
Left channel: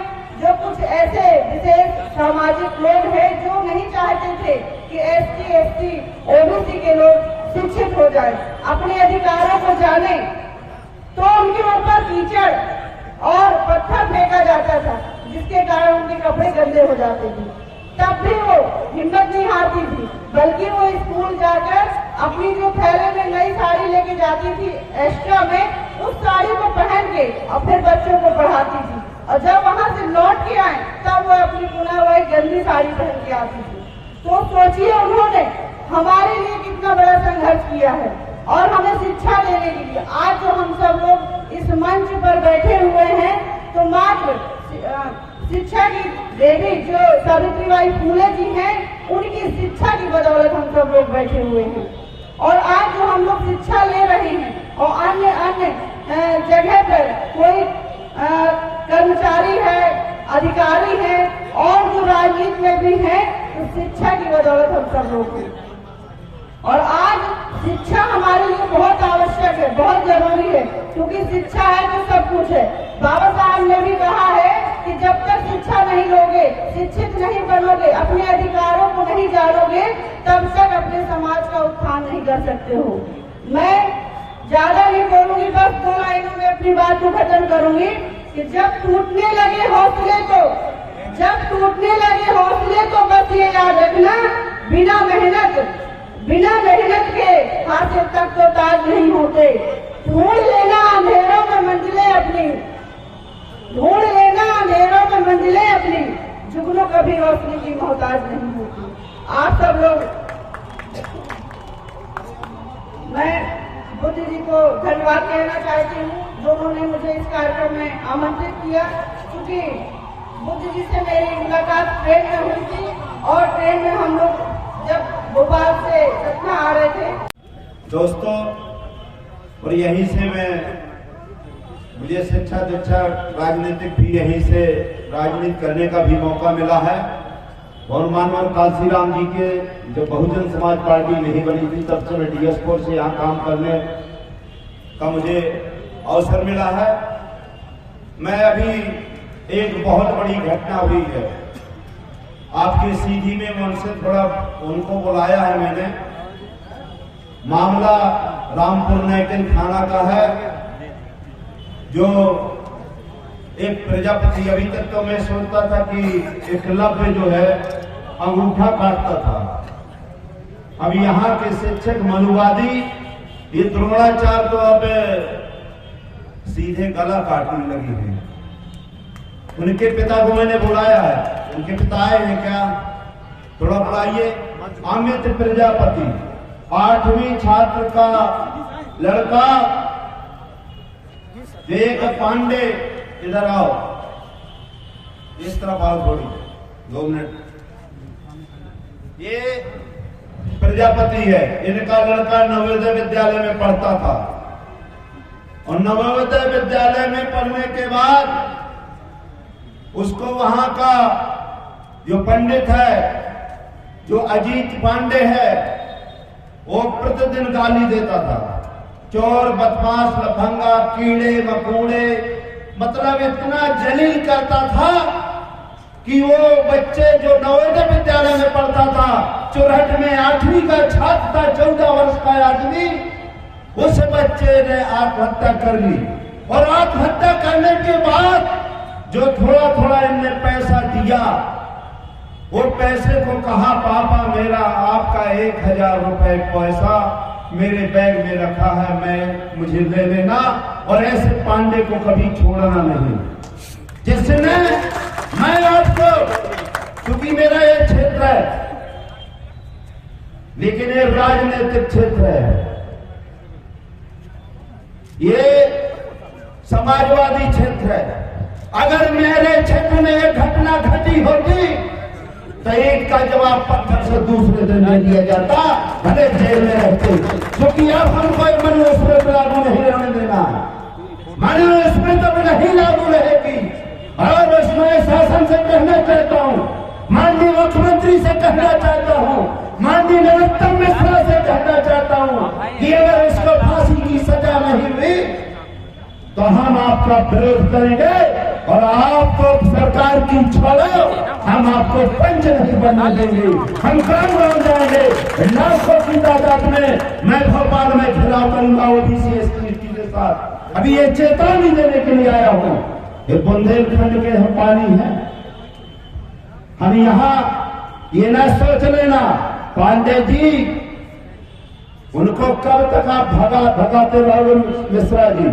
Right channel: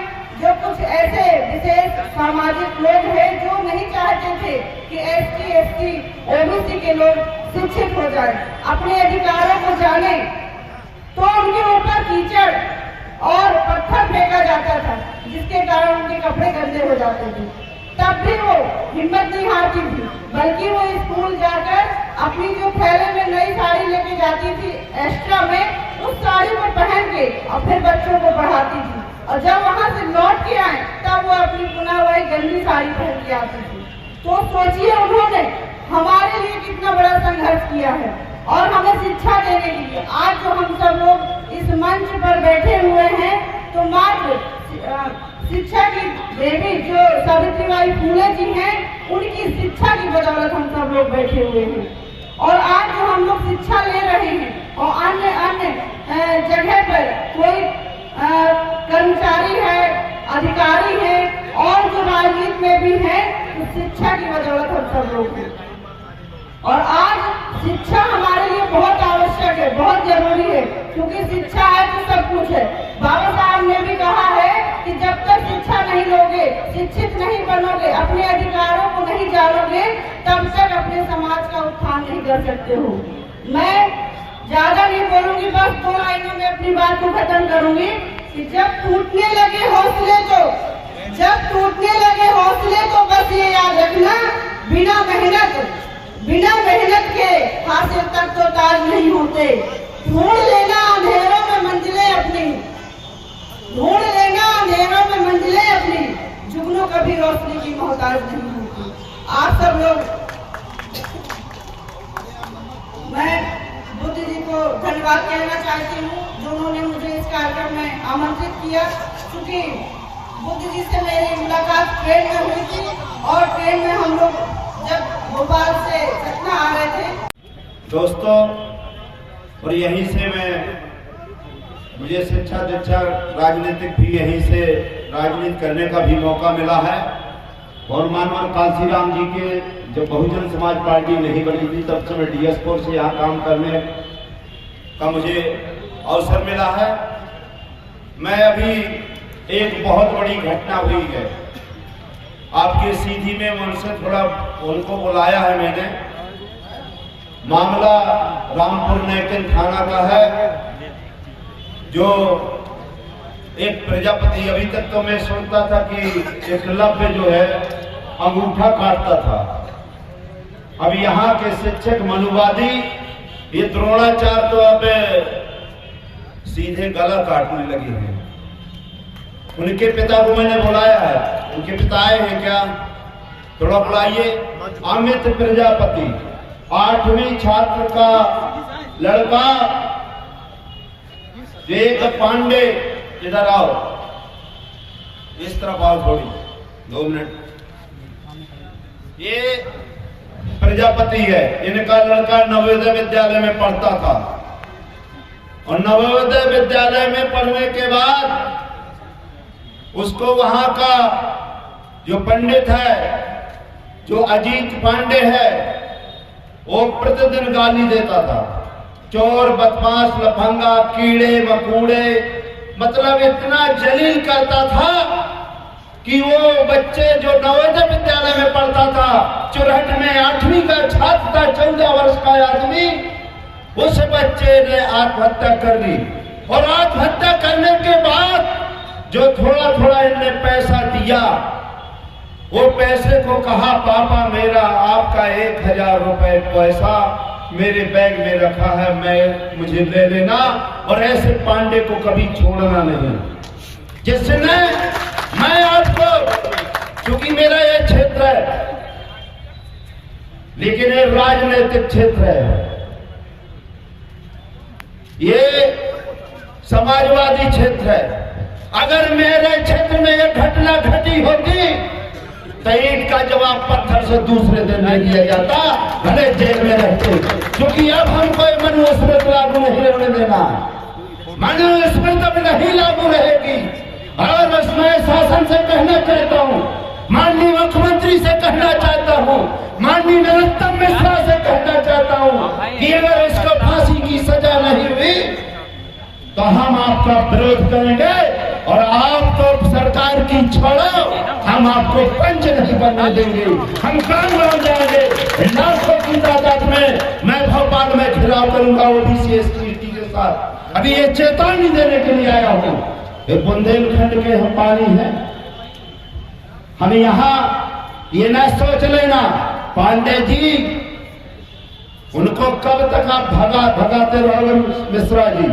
जो कुछ ऐसे विशेष सामाजिक लोग हैं जो नहीं चाहते थे कि कि ST, SC, OBC के लोग शिक्षित हो जाए, अपने अधिकारों को जाने, तो उनके ऊपर कीचड़ और पत्थर फेंका जाता था, जिसके कारण उनके कपड़े गंदे हो जाते थे। तब भी वो हिम्मत नहीं हारती थी, बल्कि वो स्कूल जाकर अपनी जो थैले में नई साड़ी लेके जाती थी एक्स्ट्रा में, उस साड़ी को पहन के और फिर बच्चों को पढ़ाती थी। और जब वहां से लौट के आए तब वो अपनी पुनः वही गंदी साड़ी पहन के आती थी। तो सोचिए उन्होंने हमारे लिए कितना बड़ा संघर्ष किया है और हमें शिक्षा देने के लिए आज जो हम सब लोग इस मंच पर बैठे हुए हैं, तो मात्र शिक्षा की देवी जो सावित्रीबाई फुले जी हैं, उनकी शिक्षा की बदौलत हम सब लोग बैठे हुए हैं। और आज जो हम लोग शिक्षा ले रहे हैं और अन्य अन्य जगह पर कोई कर्मचारी है, अधिकारी है और जो राजनीति में भी है, उस शिक्षा की बदौलत हम सब लोग हैं। और आज शिक्षा हमारे लिए बहुत आवश्यक है, बहुत जरूरी है, क्योंकि शिक्षा है तो सब कुछ है। बाबा साहब ने भी कहा है कि जब तक शिक्षा नहीं लोगे, शिक्षित नहीं बनोगे, अपने अधिकारों को नहीं जानोगे, तब तक अपने समाज का उत्थान नहीं कर सकते हो। मैं ज्यादा नहीं बोलूंगी, बस 2 लाइनों में अपनी बात को खत्म करूंगी कि जब टूटने लगे हौसले तो बस ये याद रखना, बिना मेहनत के हासिल तक तो ताज नहीं होते। ढूंढ लेना अंधेरों में मंजिलें अपनी, जुगनू कभी रोशनी की मोहताज नहीं होती। आप सब लोग, मैं बुद्ध जी को धन्यवाद कहना चाहती हूँ जो उन्होंने मुझे इस कार्यक्रम में आमंत्रित किया, क्योंकि बुद्ध जी से मेरी मुलाकात ट्रेन में हुई थी और ट्रेन में हम लोग जब भोपाल से सतना आ रहे थे। दोस्तों, और यहीं से मुझे शिक्षा दीक्षा राजनीतिक भी यहीं से राजनीति करने का भी मौका मिला है। और मानवर कांसीराम जी के जब बहुजन समाज पार्टी नहीं बनी थी, तब से मैं DS4 से यहाँ काम करने का मुझे अवसर मिला है। मैं अभी एक बहुत बड़ी घटना हुई है आपके सीधी में, उनसे थोड़ा उनको बुलाया है मैंने। मामला रामपुर नैकन थाना का है, जो एक प्रजापति, अभी तक तो मैं सुनता था कि एकलव्य जो है अंगूठा काटता था। अब यहाँ के शिक्षक मनुवादी ये द्रोणाचार्य तो अब सीधे गला काटने लगी है। उनके पिता को मैंने बुलाया है, उनके पिता आए हैं क्या? थोड़ा बुलाइए। अमित प्रजापति 8वीं छात्र का लड़का, एक पांडे, इधर आओ, इस तरफ आओ, थोड़ी 2 मिनट। ये प्रजापति है, इनका लड़का नवोदय विद्यालय में पढ़ता था और नवोदय विद्यालय में पढ़ने के बाद उसको वहां का जो पंडित है, जो अजीत पांडे है, वो प्रतिदिन गाली देता था। चोर, बदमाश, लफंगा, कीड़े मकोड़े, मतलब इतना जलील करता था कि वो बच्चे जो नवोदय विद्यालय में पढ़ता था, चुरहट में 8वीं का छात्र था, 14 वर्ष का आदमी, उस बच्चे ने आत्महत्या कर ली। और आत्महत्या करने के बाद जो थोड़ा थोड़ा इनने पैसा दिया, वो पैसे को कहा, पापा मेरा आपका 1000 रुपए पैसा मेरे बैग में रखा है, मुझे ले लेना, और ऐसे पांडे को कभी छोड़ना नहीं। जिसने, मैं आपको, क्योंकि मेरा ये क्षेत्र है, लेकिन ये राजनीतिक क्षेत्र है, ये समाजवादी क्षेत्र है। अगर मेरे क्षेत्र में यह घटना घटी होती तो ईंट का जवाब पत्थर से दूसरे दिन नहीं दिया जाता, भले जेल में रहते। क्योंकि अब हम कोई मनुस्मृति लागू नहीं रहने देना, मनुस्मृति अब नहीं लागू रहेगी। और मैं शासन से कहना चाहता हूँ, माननीय मुख्यमंत्री से कहना चाहता हूँ, माननीय नरोत्तम मिश्रा से कहना चाहता हूँ कि अगर इसको फांसी की सजा नहीं हुई तो हम आपका विरोध करेंगे और आप तो सरकार की छोड़ो, हम आपको पंच नहीं बनने देंगे, हम काम हो जाएंगे। लाखों की तादाद में मैं भोपाल में घिराव करूंगा ओबीसी एसटी के साथ। अभी ये चेतावनी देने के लिए आया हूं। बुंदेलखंड के हम पानी है, हम यहाँ ये ना सोच लेना पांडे जी उनको कब तक आप भगाते रहोगे। मिश्रा जी,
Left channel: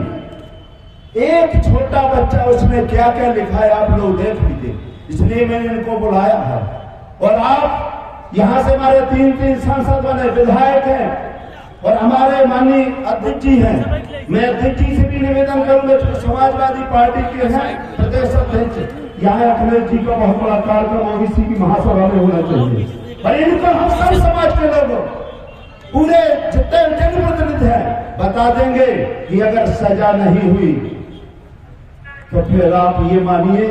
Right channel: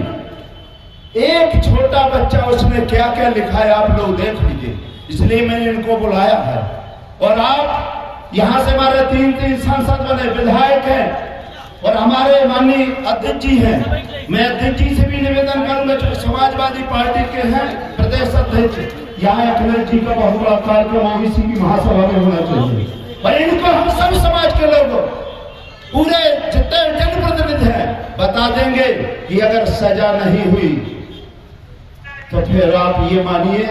एक छोटा बच्चा उसने क्या क्या लिखा है आप लोग देख लीजिए, इसलिए मैंने इनको बुलाया है। और आप यहां से हमारे तीन सांसद बने, विधायक हैं और हमारे माननीय अध्यक्ष जी हैं। मैं अध्यक्ष जी से भी निवेदन करूंगा जो समाजवादी पार्टी के हैं प्रदेश अध्यक्ष, यहाँ अखिलेश जी का बहुत बड़ा कार्यक्रम ओबीसी की महासभा में होना चाहिए। और इनको हम सब समाज के लोग पूरे जितने जनप्रतिनिधि हैं बता देंगे कि अगर सजा नहीं हुई तो फिर आप ये मानिए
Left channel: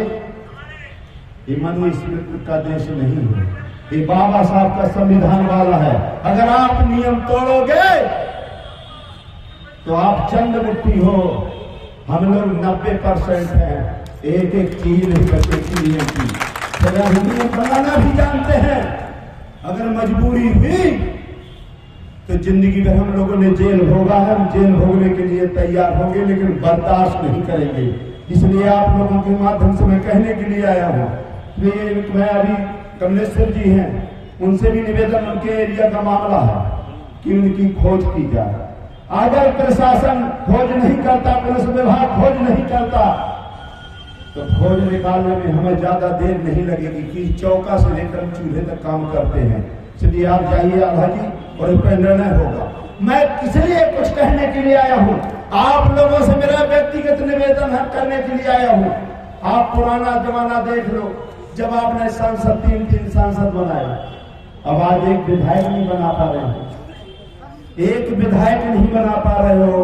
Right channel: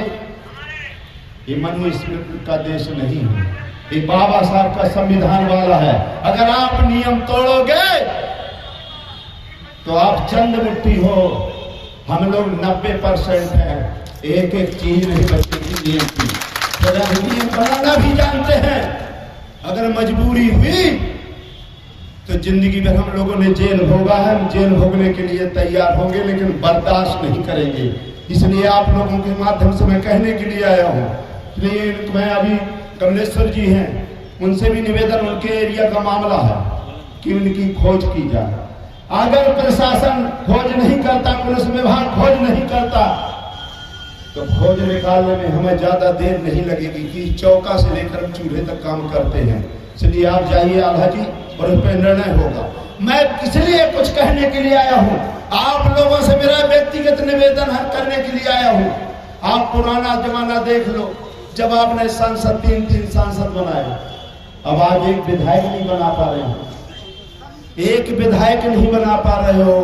ये मनुस्मृति का देश नहीं है, ये बाबा साहब का संविधान वाला है। अगर आप नियम तोड़ोगे तो आप चंद मुट्ठी हो, हम लोग 90% हैं, एक एक चीज नहीं बचेगी नियम की। तो नियम बनाना भी जानते हैं, अगर मजबूरी हुई तो जिंदगी भर हम लोगों ने जेल भोगा है, हम जेल भोगने के लिए तैयार होंगे, लेकिन बर्दाश्त नहीं करेंगे। इसलिए आप लोगों के माध्यम से मैं कहने के लिए आया हूँ। इसलिए मैं अभी कमलेश्वर जी हैं, उनसे भी निवेदन, उनके एरिया का मामला है कि उनकी खोज की जाए। अगर प्रशासन खोज नहीं करता, पुलिस विभाग खोज नहीं करता तो खोज निकालने में हमें ज्यादा देर नहीं लगेगी कि चौका से लेकर हम चूल्हे तक काम करते हैं। इसलिए आप जाइए आल्हा जी और उस पर निर्णय होगा। मैं इसलिए कुछ कहने के लिए आया हूँ, आप लोगों से मेरा व्यक्तिगत निवेदन करने के लिए आया हूँ। आप पुराना जमाना देख लो, जब आपने सांसद तीन सांसद बनाए, अब आज एक विधायक नहीं बना पा रहे हो, एक विधायक नहीं बना पा रहे हो।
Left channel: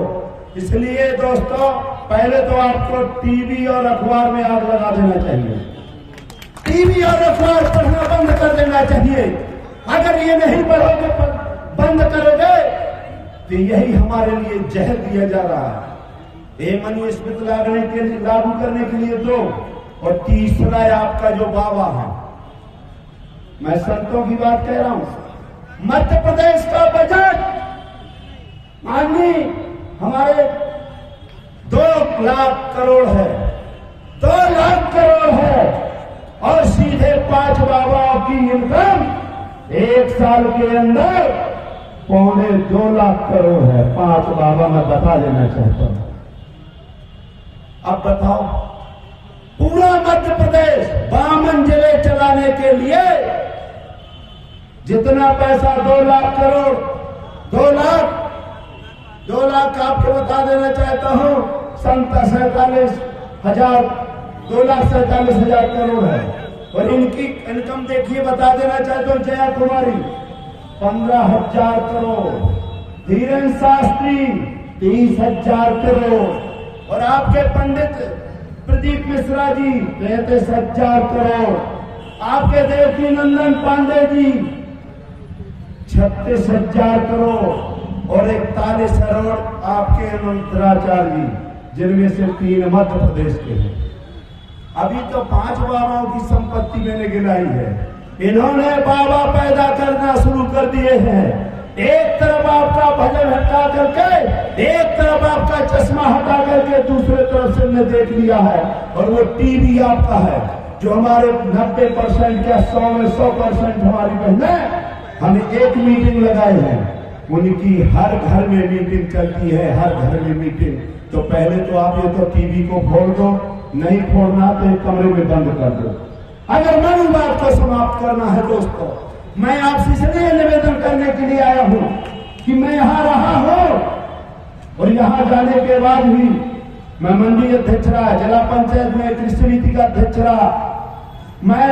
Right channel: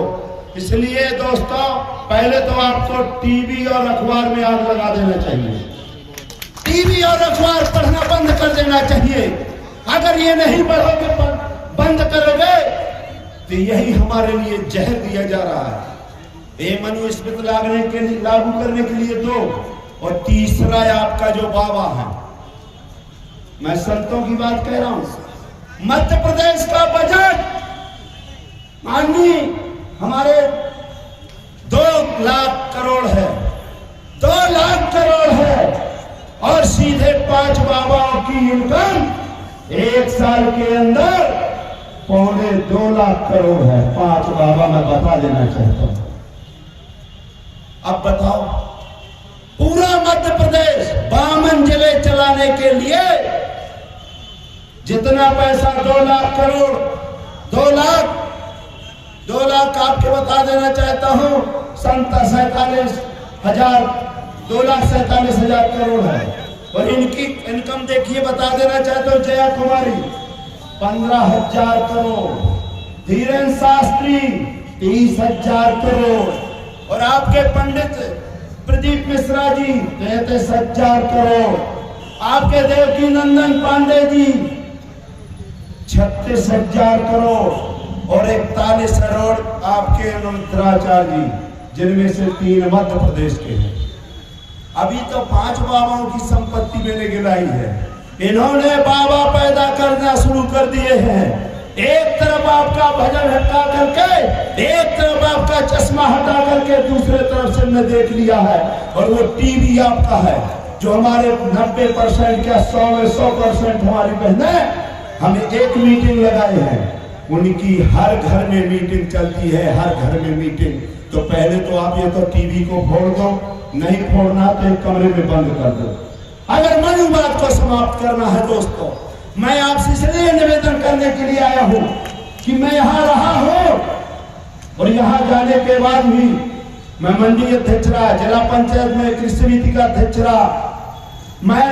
इसलिए दोस्तों पहले तो आपको टीवी और अखबार में आग लगा देना चाहिए, टीवी और अखबार पढ़ना बंद कर देना चाहिए। अगर ये नहीं पढ़ोगे, बंद करोगे तो यही हमारे लिए जहर दिया जा रहा है। ये मनुस्मृति लागू करने के लिए 2 और तीसरा आपका जो बाबा है, मैं संतों की बात कह रहा हूं। मध्य प्रदेश का बजट माननीय हमारे 2 लाख करोड़ है, 2 लाख करोड़ है, और सीधे 5 बाबाओं की इनकम 1 साल के अंदर 2.25 लाख करोड़ है। 5 बाबा मैं बता देना चाहता हूं। अब बताओ, पूरा मध्य प्रदेश 52 जिले चलाने के लिए जितना पैसा 2 लाख करोड़, 2 लाख आपके बता देना चाहता हूं, 2,47,000 करोड़ है। और इनकी इनकम देखिए, बता देना चाहता हूं, जया कुमारी 15,000 करोड़, धीरेन्द्र शास्त्री 30,000 करोड़, और आपके पंडित प्रदीप मिश्रा जी 33,000 करोड़, आपके देवकी नंदन पांडे जी 36,000 करोड़, और 41 करोड़ आपके मंत्राचार्य जी, जिनमें से 3 मध्य प्रदेश के हैं। अभी तो 5 बाबाओं की संपत्ति मैंने गिनाई है। इन्होंने बाबा पैदा करना शुरू कर दिए हैं। एक तरफ आपका भजन हटा करके, एक तरफ आपका चश्मा हटा करके दूसरे तरफ से मैं देख लिया है, और वो टीवी आपका है, जो हमारे 90% क्या 100 में 100% हमारी बहनें हमें एक मीटिंग लगाए हैं, उनकी हर घर में मीटिंग चलती है, हर घर में मीटिंग। तो पहले तो आप ये तो टीवी को फोड़ दो, नहीं फोड़ना तो एक कमरे में बंद कर दो। अगर मनुवाद को समाप्त करना है दोस्तों, मैं आपसे इसलिए निवेदन करने के लिए आया हूं कि मैं यहां रहा हूं, और यहां जाने के बाद भी मैं मंडी अध्यक्ष रहा, जिला पंचायत में कृषि समिति का अध्यक्ष रहा, मैं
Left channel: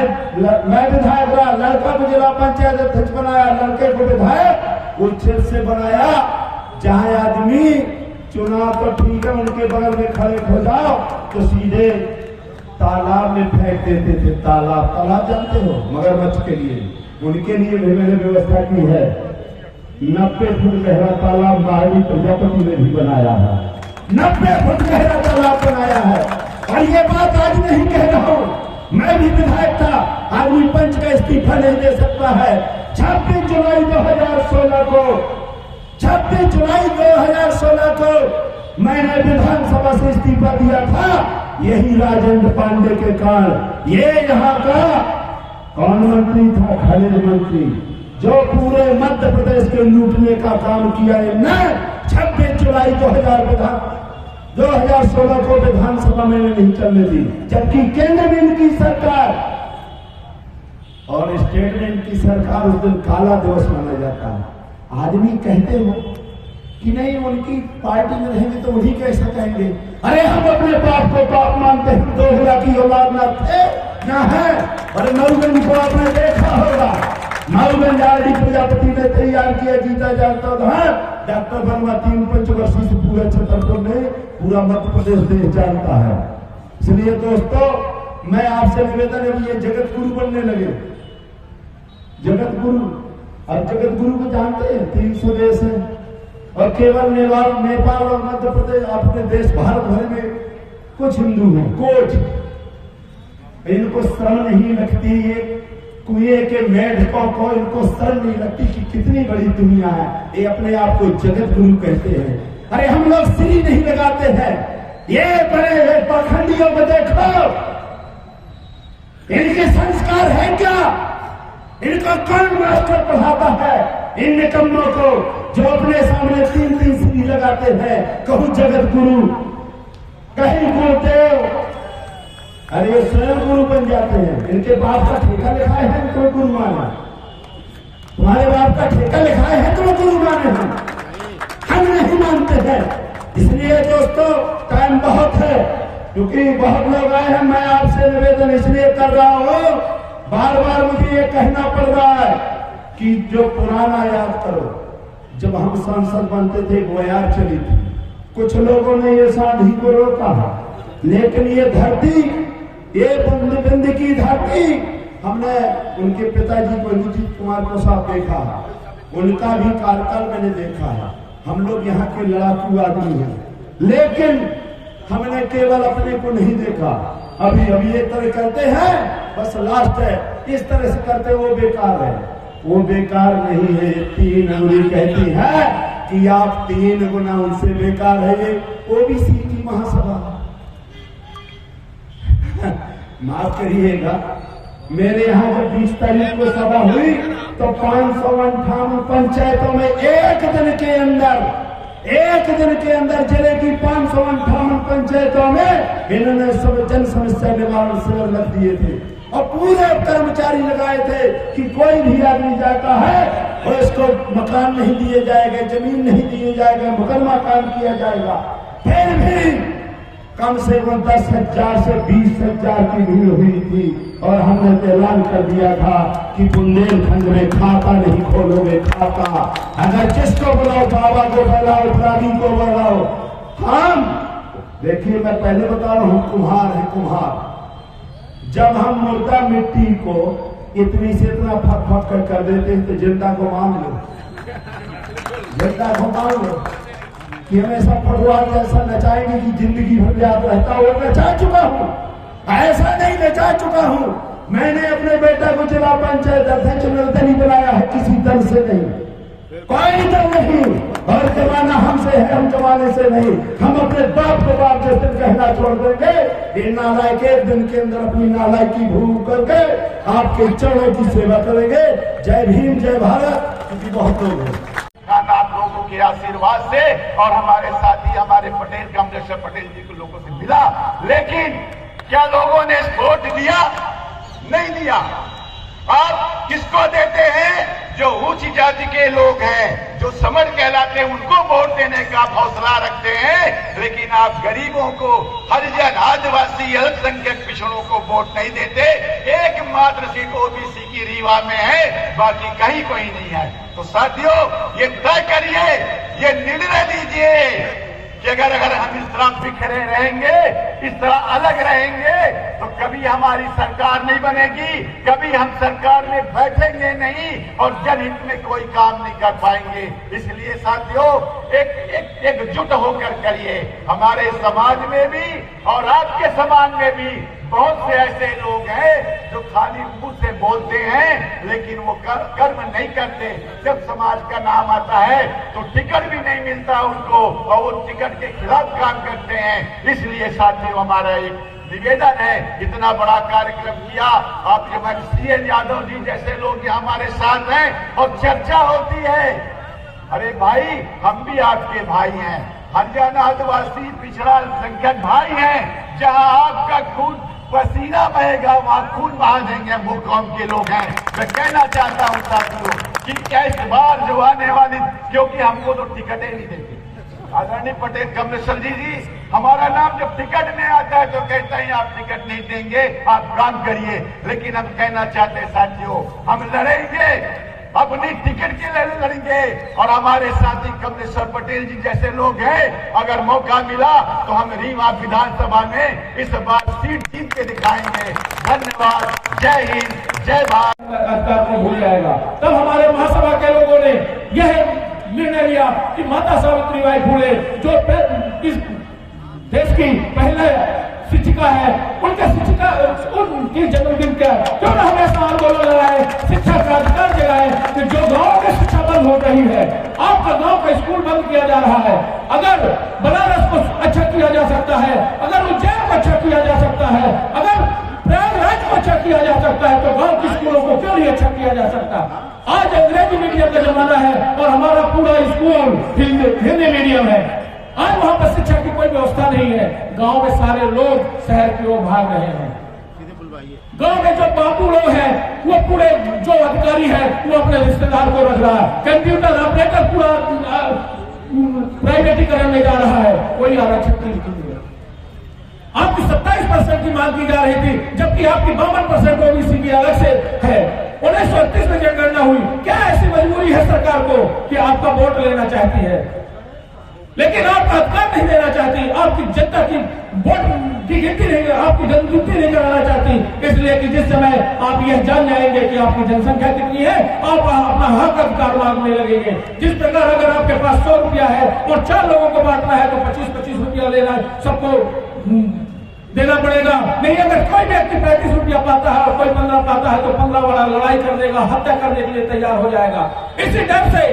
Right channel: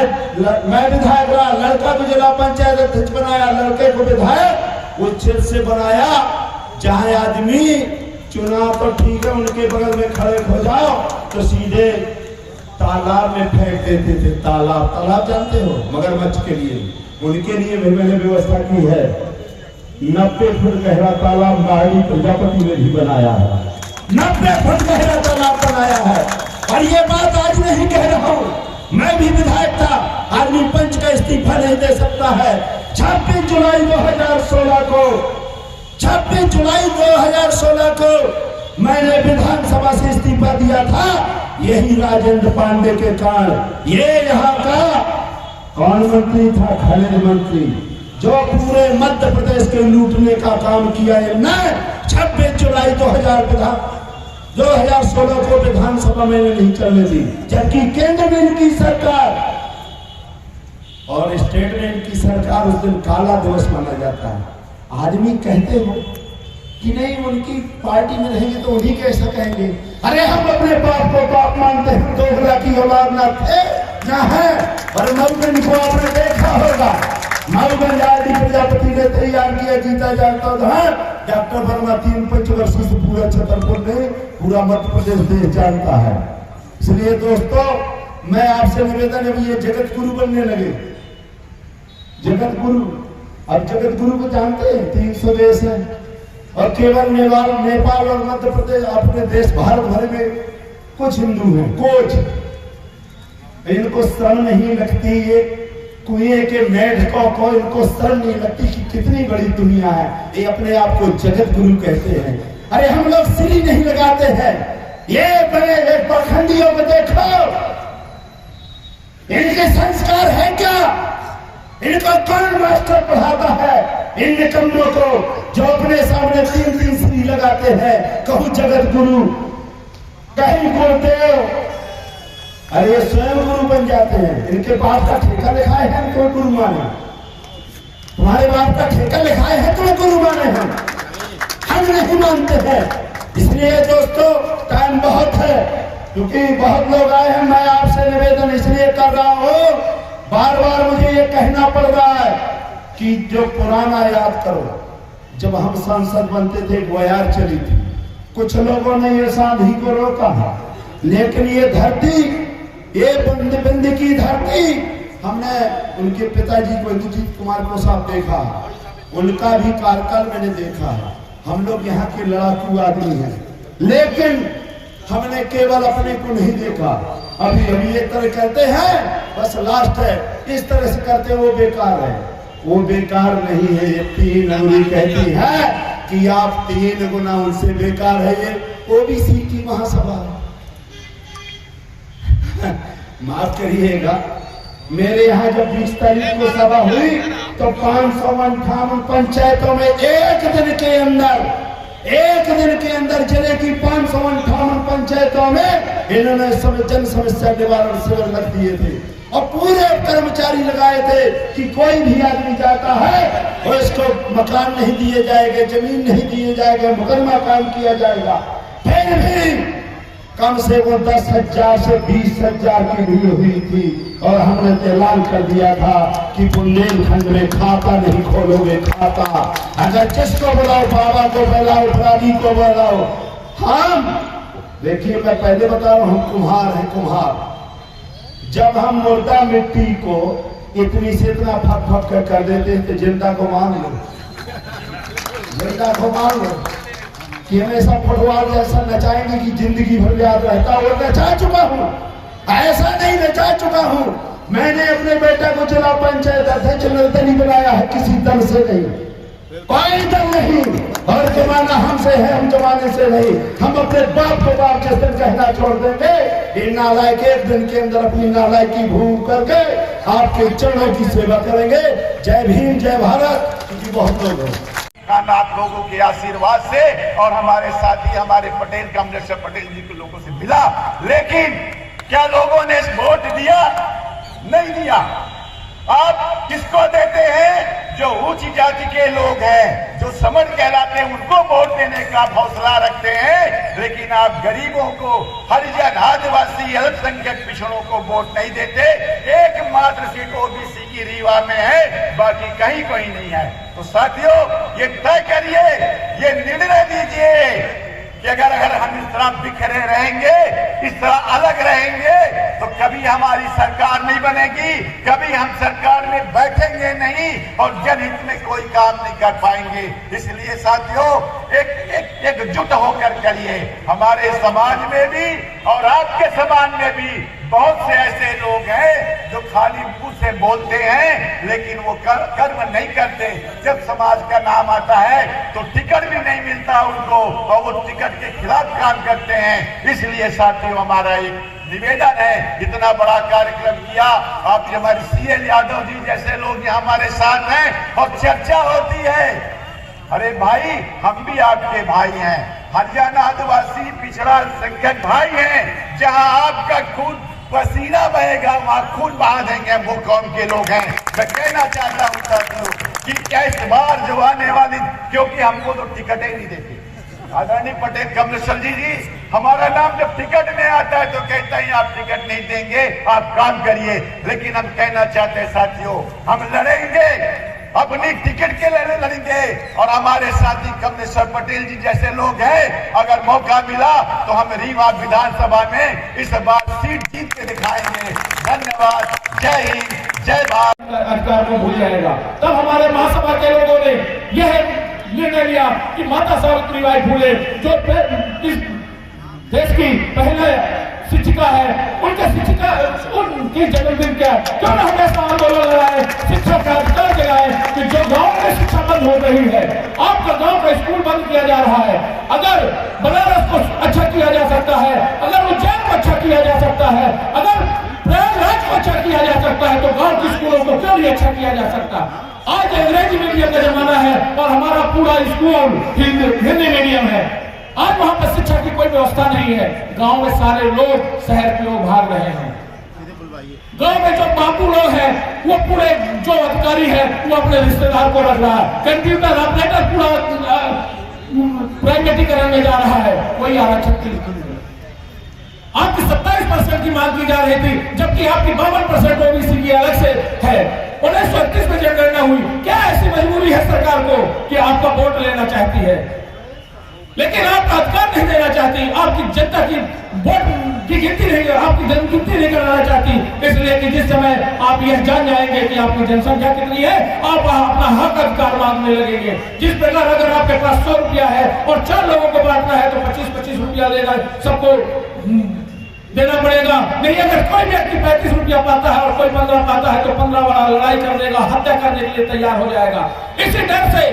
विधायक रहा, लड़का को जिला पंचायत अध्यक्ष बनाया, लड़के को विधायक उस क्षेत्र से बनाया जहां आदमी चुनाव तो ठीक है उनके बगल में खड़े हो जाओ तो सीधे तालाब में फेंक देते थे। तालाब जानते हो, मगरमच्छ के लिए, उनके लिए भी मैंने व्यवस्था की है। 90 फुट गहरा तालाब महारानी प्रजापति में भी बनाया है, 90 फुट गहरा तालाब बनाया है। और ये बात आज नहीं मैं भी विधायक था, आदमी पंच का इस्तीफा नहीं दे सकता है। 26 जुलाई 2016 को 26 जुलाई 2016 को मैंने विधानसभा से इस्तीफा दिया था, यही राजेंद्र पांडे के कारण। ये यहाँ का कौन मंत्री था? खनिज मंत्री, जो पूरे मध्य प्रदेश के लूटने का काम किया है। मैं 26 जुलाई 2016 को विधानसभा में नहीं चलने दी, जबकि केंद्र में इनकी सरकार और स्टेट में इनकी सरकार, उस दिन काला दिवस माना जाता है। आदमी कहते हो कि नहीं उनकी पार्टी में रहेंगे तो उन्हीं कैसे कहेंगे? अरे हम अपने बाप को बाप मानते हैं, दोगला की औलाद ना थे ना है। और मऊगंज को आपने देखा होगा, मऊगंज आरडी प्रजापति ने तैयार किया, जीता जाता था। डॉक्टर वर्मा 3 पंचवर्षीय से पूरे छतरपुर नहीं, पूरा मध्य प्रदेश देश जानता है। इसलिए दोस्तों, मैं आपसे निवेदन है, ये जगत गुरु बनने लगे, जगत गुरु। अब जगत गुरु को जानते हैं, 300 देश है और केवल नेपाल और मध्य प्रदेश, अपने देश भारत भर में कुछ हिंदू हैं, कुछ। इनको शर्म नहीं लगती, ये कुएं के मेढकों को इनको शर्म नहीं लगती कि कितनी बड़ी दुनिया है। ये अपने आप को जगत गुरु कहते हैं। अरे हम लोग सिरी नहीं लगाते हैं। ये बड़े पाखंडियों को देखो, इनके संस्कार है क्या? इनको कौन मास्टर पढ़ाता है? इन निकम्मों को जो अपने सामने 3-3 सिरी लगाते हैं, कहूं जगत गुरु, कहीं गुरुदेव। अरे ये स्वयं गुरु बन जाते हैं। इनके बाप का ठेका लिखाए हैं तो गुरु माने, तुम्हारे बाप का ठेका लिखाए हैं तो गुरु माने हैं, हम नहीं मानते हैं। इसलिए दोस्तों, टाइम बहुत है, क्योंकि बहुत लोग आए हैं। मैं आपसे निवेदन इसलिए कर रहा हूं, बार बार मुझे ये कहना पड़ रहा है कि जो पुराना याद करो। जब हम सांसद बनते थे, गोयार चली थी, कुछ लोगों ने ये सांधी को रोका, लेकिन ये धरती, ये बंदी की धरती, हमने उनके पिताजी को इंद्रजीत कुमार को साहब देखा, उनका भी कार्यकाल मैंने देखा है। हम लोग यहाँ के लड़ाकू आदमी हैं, लेकिन हमने केवल अपने को नहीं देखा। अभी ये तरह करते हैं, बस लास्ट है, इस तरह से करते वो बेकार है। वो बेकार नहीं है, ये 3 अंगुली कहती है कि आप 3 गुना उनसे बेकार है। ये ओबीसी की महासभा, माफ करिएगा, मेरे यहाँ जब 20 तारीख को सभा हुई तो 558 पंचायतों में एक दिन के अंदर जिले की 558 पंचायतों में इन्होंने जन समस्या निवारण शिविर लग दिए थे और पूरे कर्मचारी लगाए थे कि कोई भी आदमी जाता है और इसको मकान नहीं दिए जाएगा, जमीन नहीं दिए जाएगा, मुकदमा कायम किया जाएगा। फिर भी कम से कम 10,000 से 20,000 की भीड़ हुई थी और हमने ऐलान कर दिया था कि बुंदेलखंड में खाता नहीं खोलोगे, खाता। अगर जिसको बुलाओ, बाबा को बुलाओ, प्राणी को बुलाओ। हम देखिए, मैं पहले बता रहा हूं, हम कुम्हार हैं, कुम्हार। जब हम मुर्दा मिट्टी को इतनी से इतना फक फक कर देते हैं तो जिंदा को मान लो, जिंदा को मान लो कि हम ऐसा फटवार जैसा नचाएंगे कि जिंदगी भर याद रहता। और नचा चुका हूँ, ऐसा नहीं नचा चुका हूँ। मैंने अपने बेटा को जिला पंचायत अध्यक्ष निर्दलीय बनाया है, किसी दल से नहीं, कोई दल नहीं। और जमाना हमसे है, हम जमाने से नहीं। हम अपने बाप को बाप जिस दिन कहना छोड़ देंगे, इन नालायक एक दिन के अंदर अपनी नालायकी भूल करके आपके चरणों की सेवा करेंगे। जय भीम, जय भारत। क्योंकि बहुत लोग हैं आप लोगों के आशीर्वाद से और हमारे साथी हमारे पटेल कमलेश्वर पटेल जी के लोगों से मिला। लेकिन क्या लोगों ने वोट दिया? नहीं दिया। आप किसको देते हैं? जो ऊंची जाति के लोग हैं, जो समर कहलाते हैं, उनको वोट देने का हौसला रखते हैं। लेकिन आप गरीबों को, हरिजन, आदिवासी, अल्पसंख्यक पिछड़ों को वोट नहीं देते। एकमात्र सीट ओबीसी की रीवा में है, बाकी कहीं कोई नहीं है। तो साथियों, ये तय करिए, ये निर्णय लीजिए कि अगर हम इस तरह बिखरे रहेंगे, इस तरह अलग रहेंगे, तो कभी कभी हमारी सरकार नहीं बनेगी, कभी हम सरकार में बैठेंगे नहीं और जनहित में कोई काम नहीं कर पाएंगे। इसलिए साथियों एकजुट होकर करिए। हमारे समाज में भी और आपके समाज में भी बहुत से ऐसे लोग हैं जो खाली मुंह से बोलते हैं लेकिन वो कर्म नहीं करते। जब समाज का नाम आता है तो टिकट भी नहीं मिलता उनको और वो टिकट के खिलाफ काम करते हैं। इसलिए साथियों हमारा एक निवेदन है, इतना बड़ा कार्यक्रम किया आप हमारे CL यादव जी जैसे लोग यहाँ हमारे साथ हैं और चर्चा होती है। अरे भाई हम भी आपके भाई हैं, हरियाणा आदिवासी पिछड़ा संगठन भाई हैं। जहां आपका खून पसीना बहेगा वहां खून बहा देंगे हम वो कौम के लोग हैं। मैं कहना चाहता हूं साथियों कि कैसे बार जो आने वाली, क्योंकि हमको तो टिकटें नहीं देते। आदरणीय पटेल कमलेश्वर जी हमारा नाम जब टिकट में आता है तो कहते हैं आप टिकट नहीं देंगे, आप काम करिए। लेकिन हम कहना चाहते हैं साथियों हम लड़ेंगे, अपनी टिकट के लड़ेंगे और हमारे साथी कमलेश्वर पटेल जी जैसे लोग हैं, अगर मौका मिला तो हम रीवा विधानसभा में इस बार सीट जीत के दिखाएंगे। धन्यवाद, जय हिंद, जय भारत। अधिकार को भूल जाएगा। तब हमारे महासभा के लोगों ने यह निर्णय लिया कि माता सावित्रीबाई फुले जो इस देश की पहले शिक्षिका है, उनकी जन्मदिन क्या क्यों न हमेशा आंदोलन लगाए, शिक्षा का अधिकार जगाए कि जो गांव में शिक्षा बंद हो रही है, आपका गांव का स्कूल बंद किया जा रहा है। अगर बनारस को अच्छा किया जा सकता है, अगर उज्जैन को अच्छा किया जा सकता है, अगर प्रयागराज को अच्छा किया जा सकता है, तो गांव के स्कूलों को क्यों नहीं अच्छा किया जा सकता। आज अंग्रेजी मीडियम का जमाना है और हमारा पूरा स्कूल हिंदी मीडियम है। आज वहां पर शिक्षा की कोई व्यवस्था नहीं है। गांव में सारे लोग शहर की ओर भाग रहे हैं। गांव में जो बाबू लोग हैं वो पूरे जो अधिकारी है वो अपने रिश्तेदार को रख रहा है। कंप्यूटर ऑपरेटर पूरा प्राइवेटीकरण में जा रहा है, कोई आरक्षण की नीति नहीं। आपकी 27% की मांग की जा रही थी जबकि आपकी 52% ओबीसी की अलग से है। 1938 में जनगणना हुई, क्या ऐसी मजबूरी है सरकार को कि आपका वोट लेना चाहती है लेकिन आपका अधिकार नहीं देना चाहती, आपकी जनता की वोट की गिनती नहीं, आपकी जनगिनती नहीं कराना चाहती। इसलिए कि जिस समय आप यह जान जाएंगे कि आपकी जनसंख्या कितनी है, आप अपना हक अधिकार मांगने लगेंगे। जिस प्रकार अगर आपके पास 100 रुपया है और 4 लोगों को बांटना है तो 25-25 रुपया लेना सबको देना पड़ेगा। नहीं अगर कोई व्यक्ति 35 रुपया पाता है और कोई 15 पाता है तो 15 वाला लड़ाई कर देगा, हत्या करने के लिए तैयार हो जाएगा। इसी डर से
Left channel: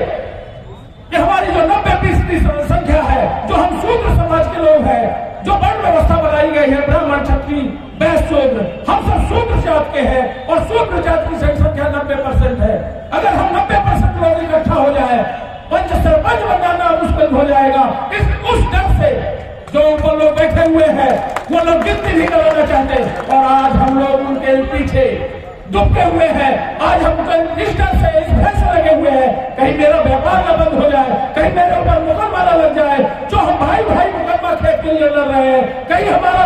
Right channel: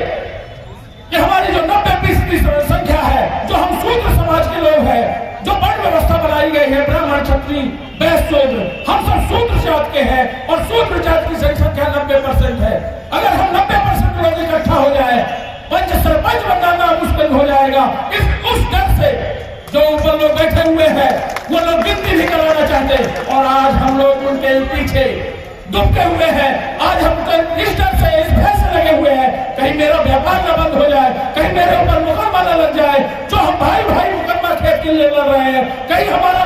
कि हमारी जो 90% संख्या है, जो हम शूद्र समाज के लोग हैं, जो वर्ण व्यवस्था बनाई गई है ब्राह्मण क्षत्रिय वैश्य शूद्र, हम सब शूद्र जात के हैं और शूद्र जात की जनसंख्या 90% है। अगर हम 90% लोग इकट्ठा हो जाए, पंच सरपंच बनाना मुश्किल हो जाएगा। उस डर से जो ऊपर लोग बैठे हुए हैं वो लोग गिनती नहीं कराना चाहते और आज हम लोग उनके पीछे दुबके हुए हैं। आज हम इस डर से इस भय से लगे हुए हैं कहीं मेरा व्यापार न बंद हो जाए, कहीं मेरे ऊपर मुकदमा न लग जाए। जो हम भाई भाई मुकदमा खेत के लिए लड़ रहे हैं, कहीं हमारा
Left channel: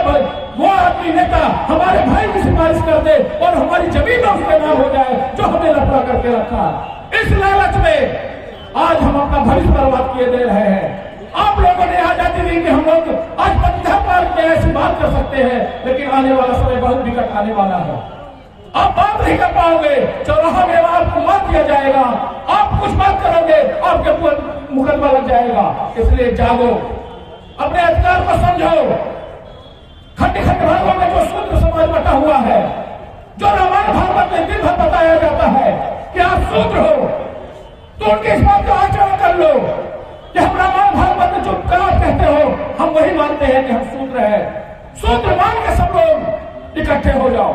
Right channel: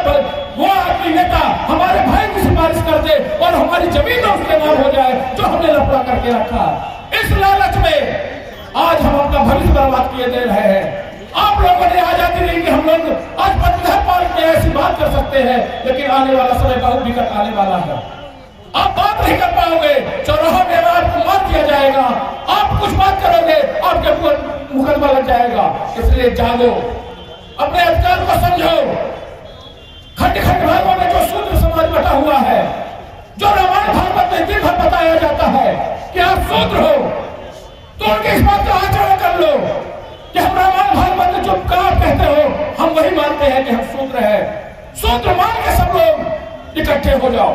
वो आदमी नेता हमारे भाई की सिफारिश कर दे और हमारी जमीन उसके नाम हो जाए जो हमने लफड़ा करके रखा है। इस लालच में आज हम अपना भविष्य बर्बाद किए दे रहे हैं। आप लोगों ने आजादी दी कि हम लोग आज बंधन पार्क में ऐसी बात कर सकते हैं, लेकिन आने वाला समय बहुत विकट आने वाला है। आप बात नहीं कर पाओगे, चौराहा में आपको मार दिया जाएगा, आप कुछ बात करोगे आपके ऊपर मुकदमा लग जाएगा। इसलिए जागो, अपने अधिकार को समझो। खंड खंड भागों में जो शूद्र समाज बटा हुआ है, जो रामायण भागवत में दिन भर बताया जाता है कि आप शूद्र हो, तो उनके इस बात का आचरण कर लो कि हम रामायण भागवत में जो आप कहते हो हम वही मानते हैं कि हम शूद्र हैं। शूद्र मान के सब लोग इकट्ठे हो जाओ,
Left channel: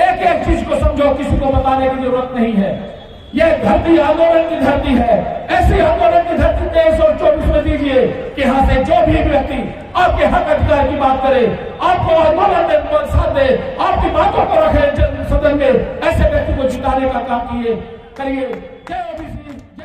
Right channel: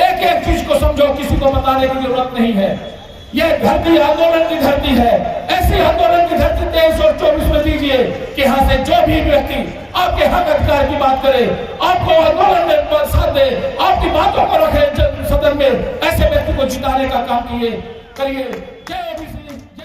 एक एक चीज को समझो, किसी को बताने की जरूरत नहीं है। यह धरती आंदोलन की धरती है। ऐसी आंदोलन की धरती 23 और 24 में दीजिए कि यहाँ से जो भी व्यक्ति आपके हक अधिकार की बात करे, आपको आंदोलन में साथ दे, आपकी बातों को रखे सदन में, ऐसे व्यक्ति को जिताने का काम करिए। जय ओबीसी।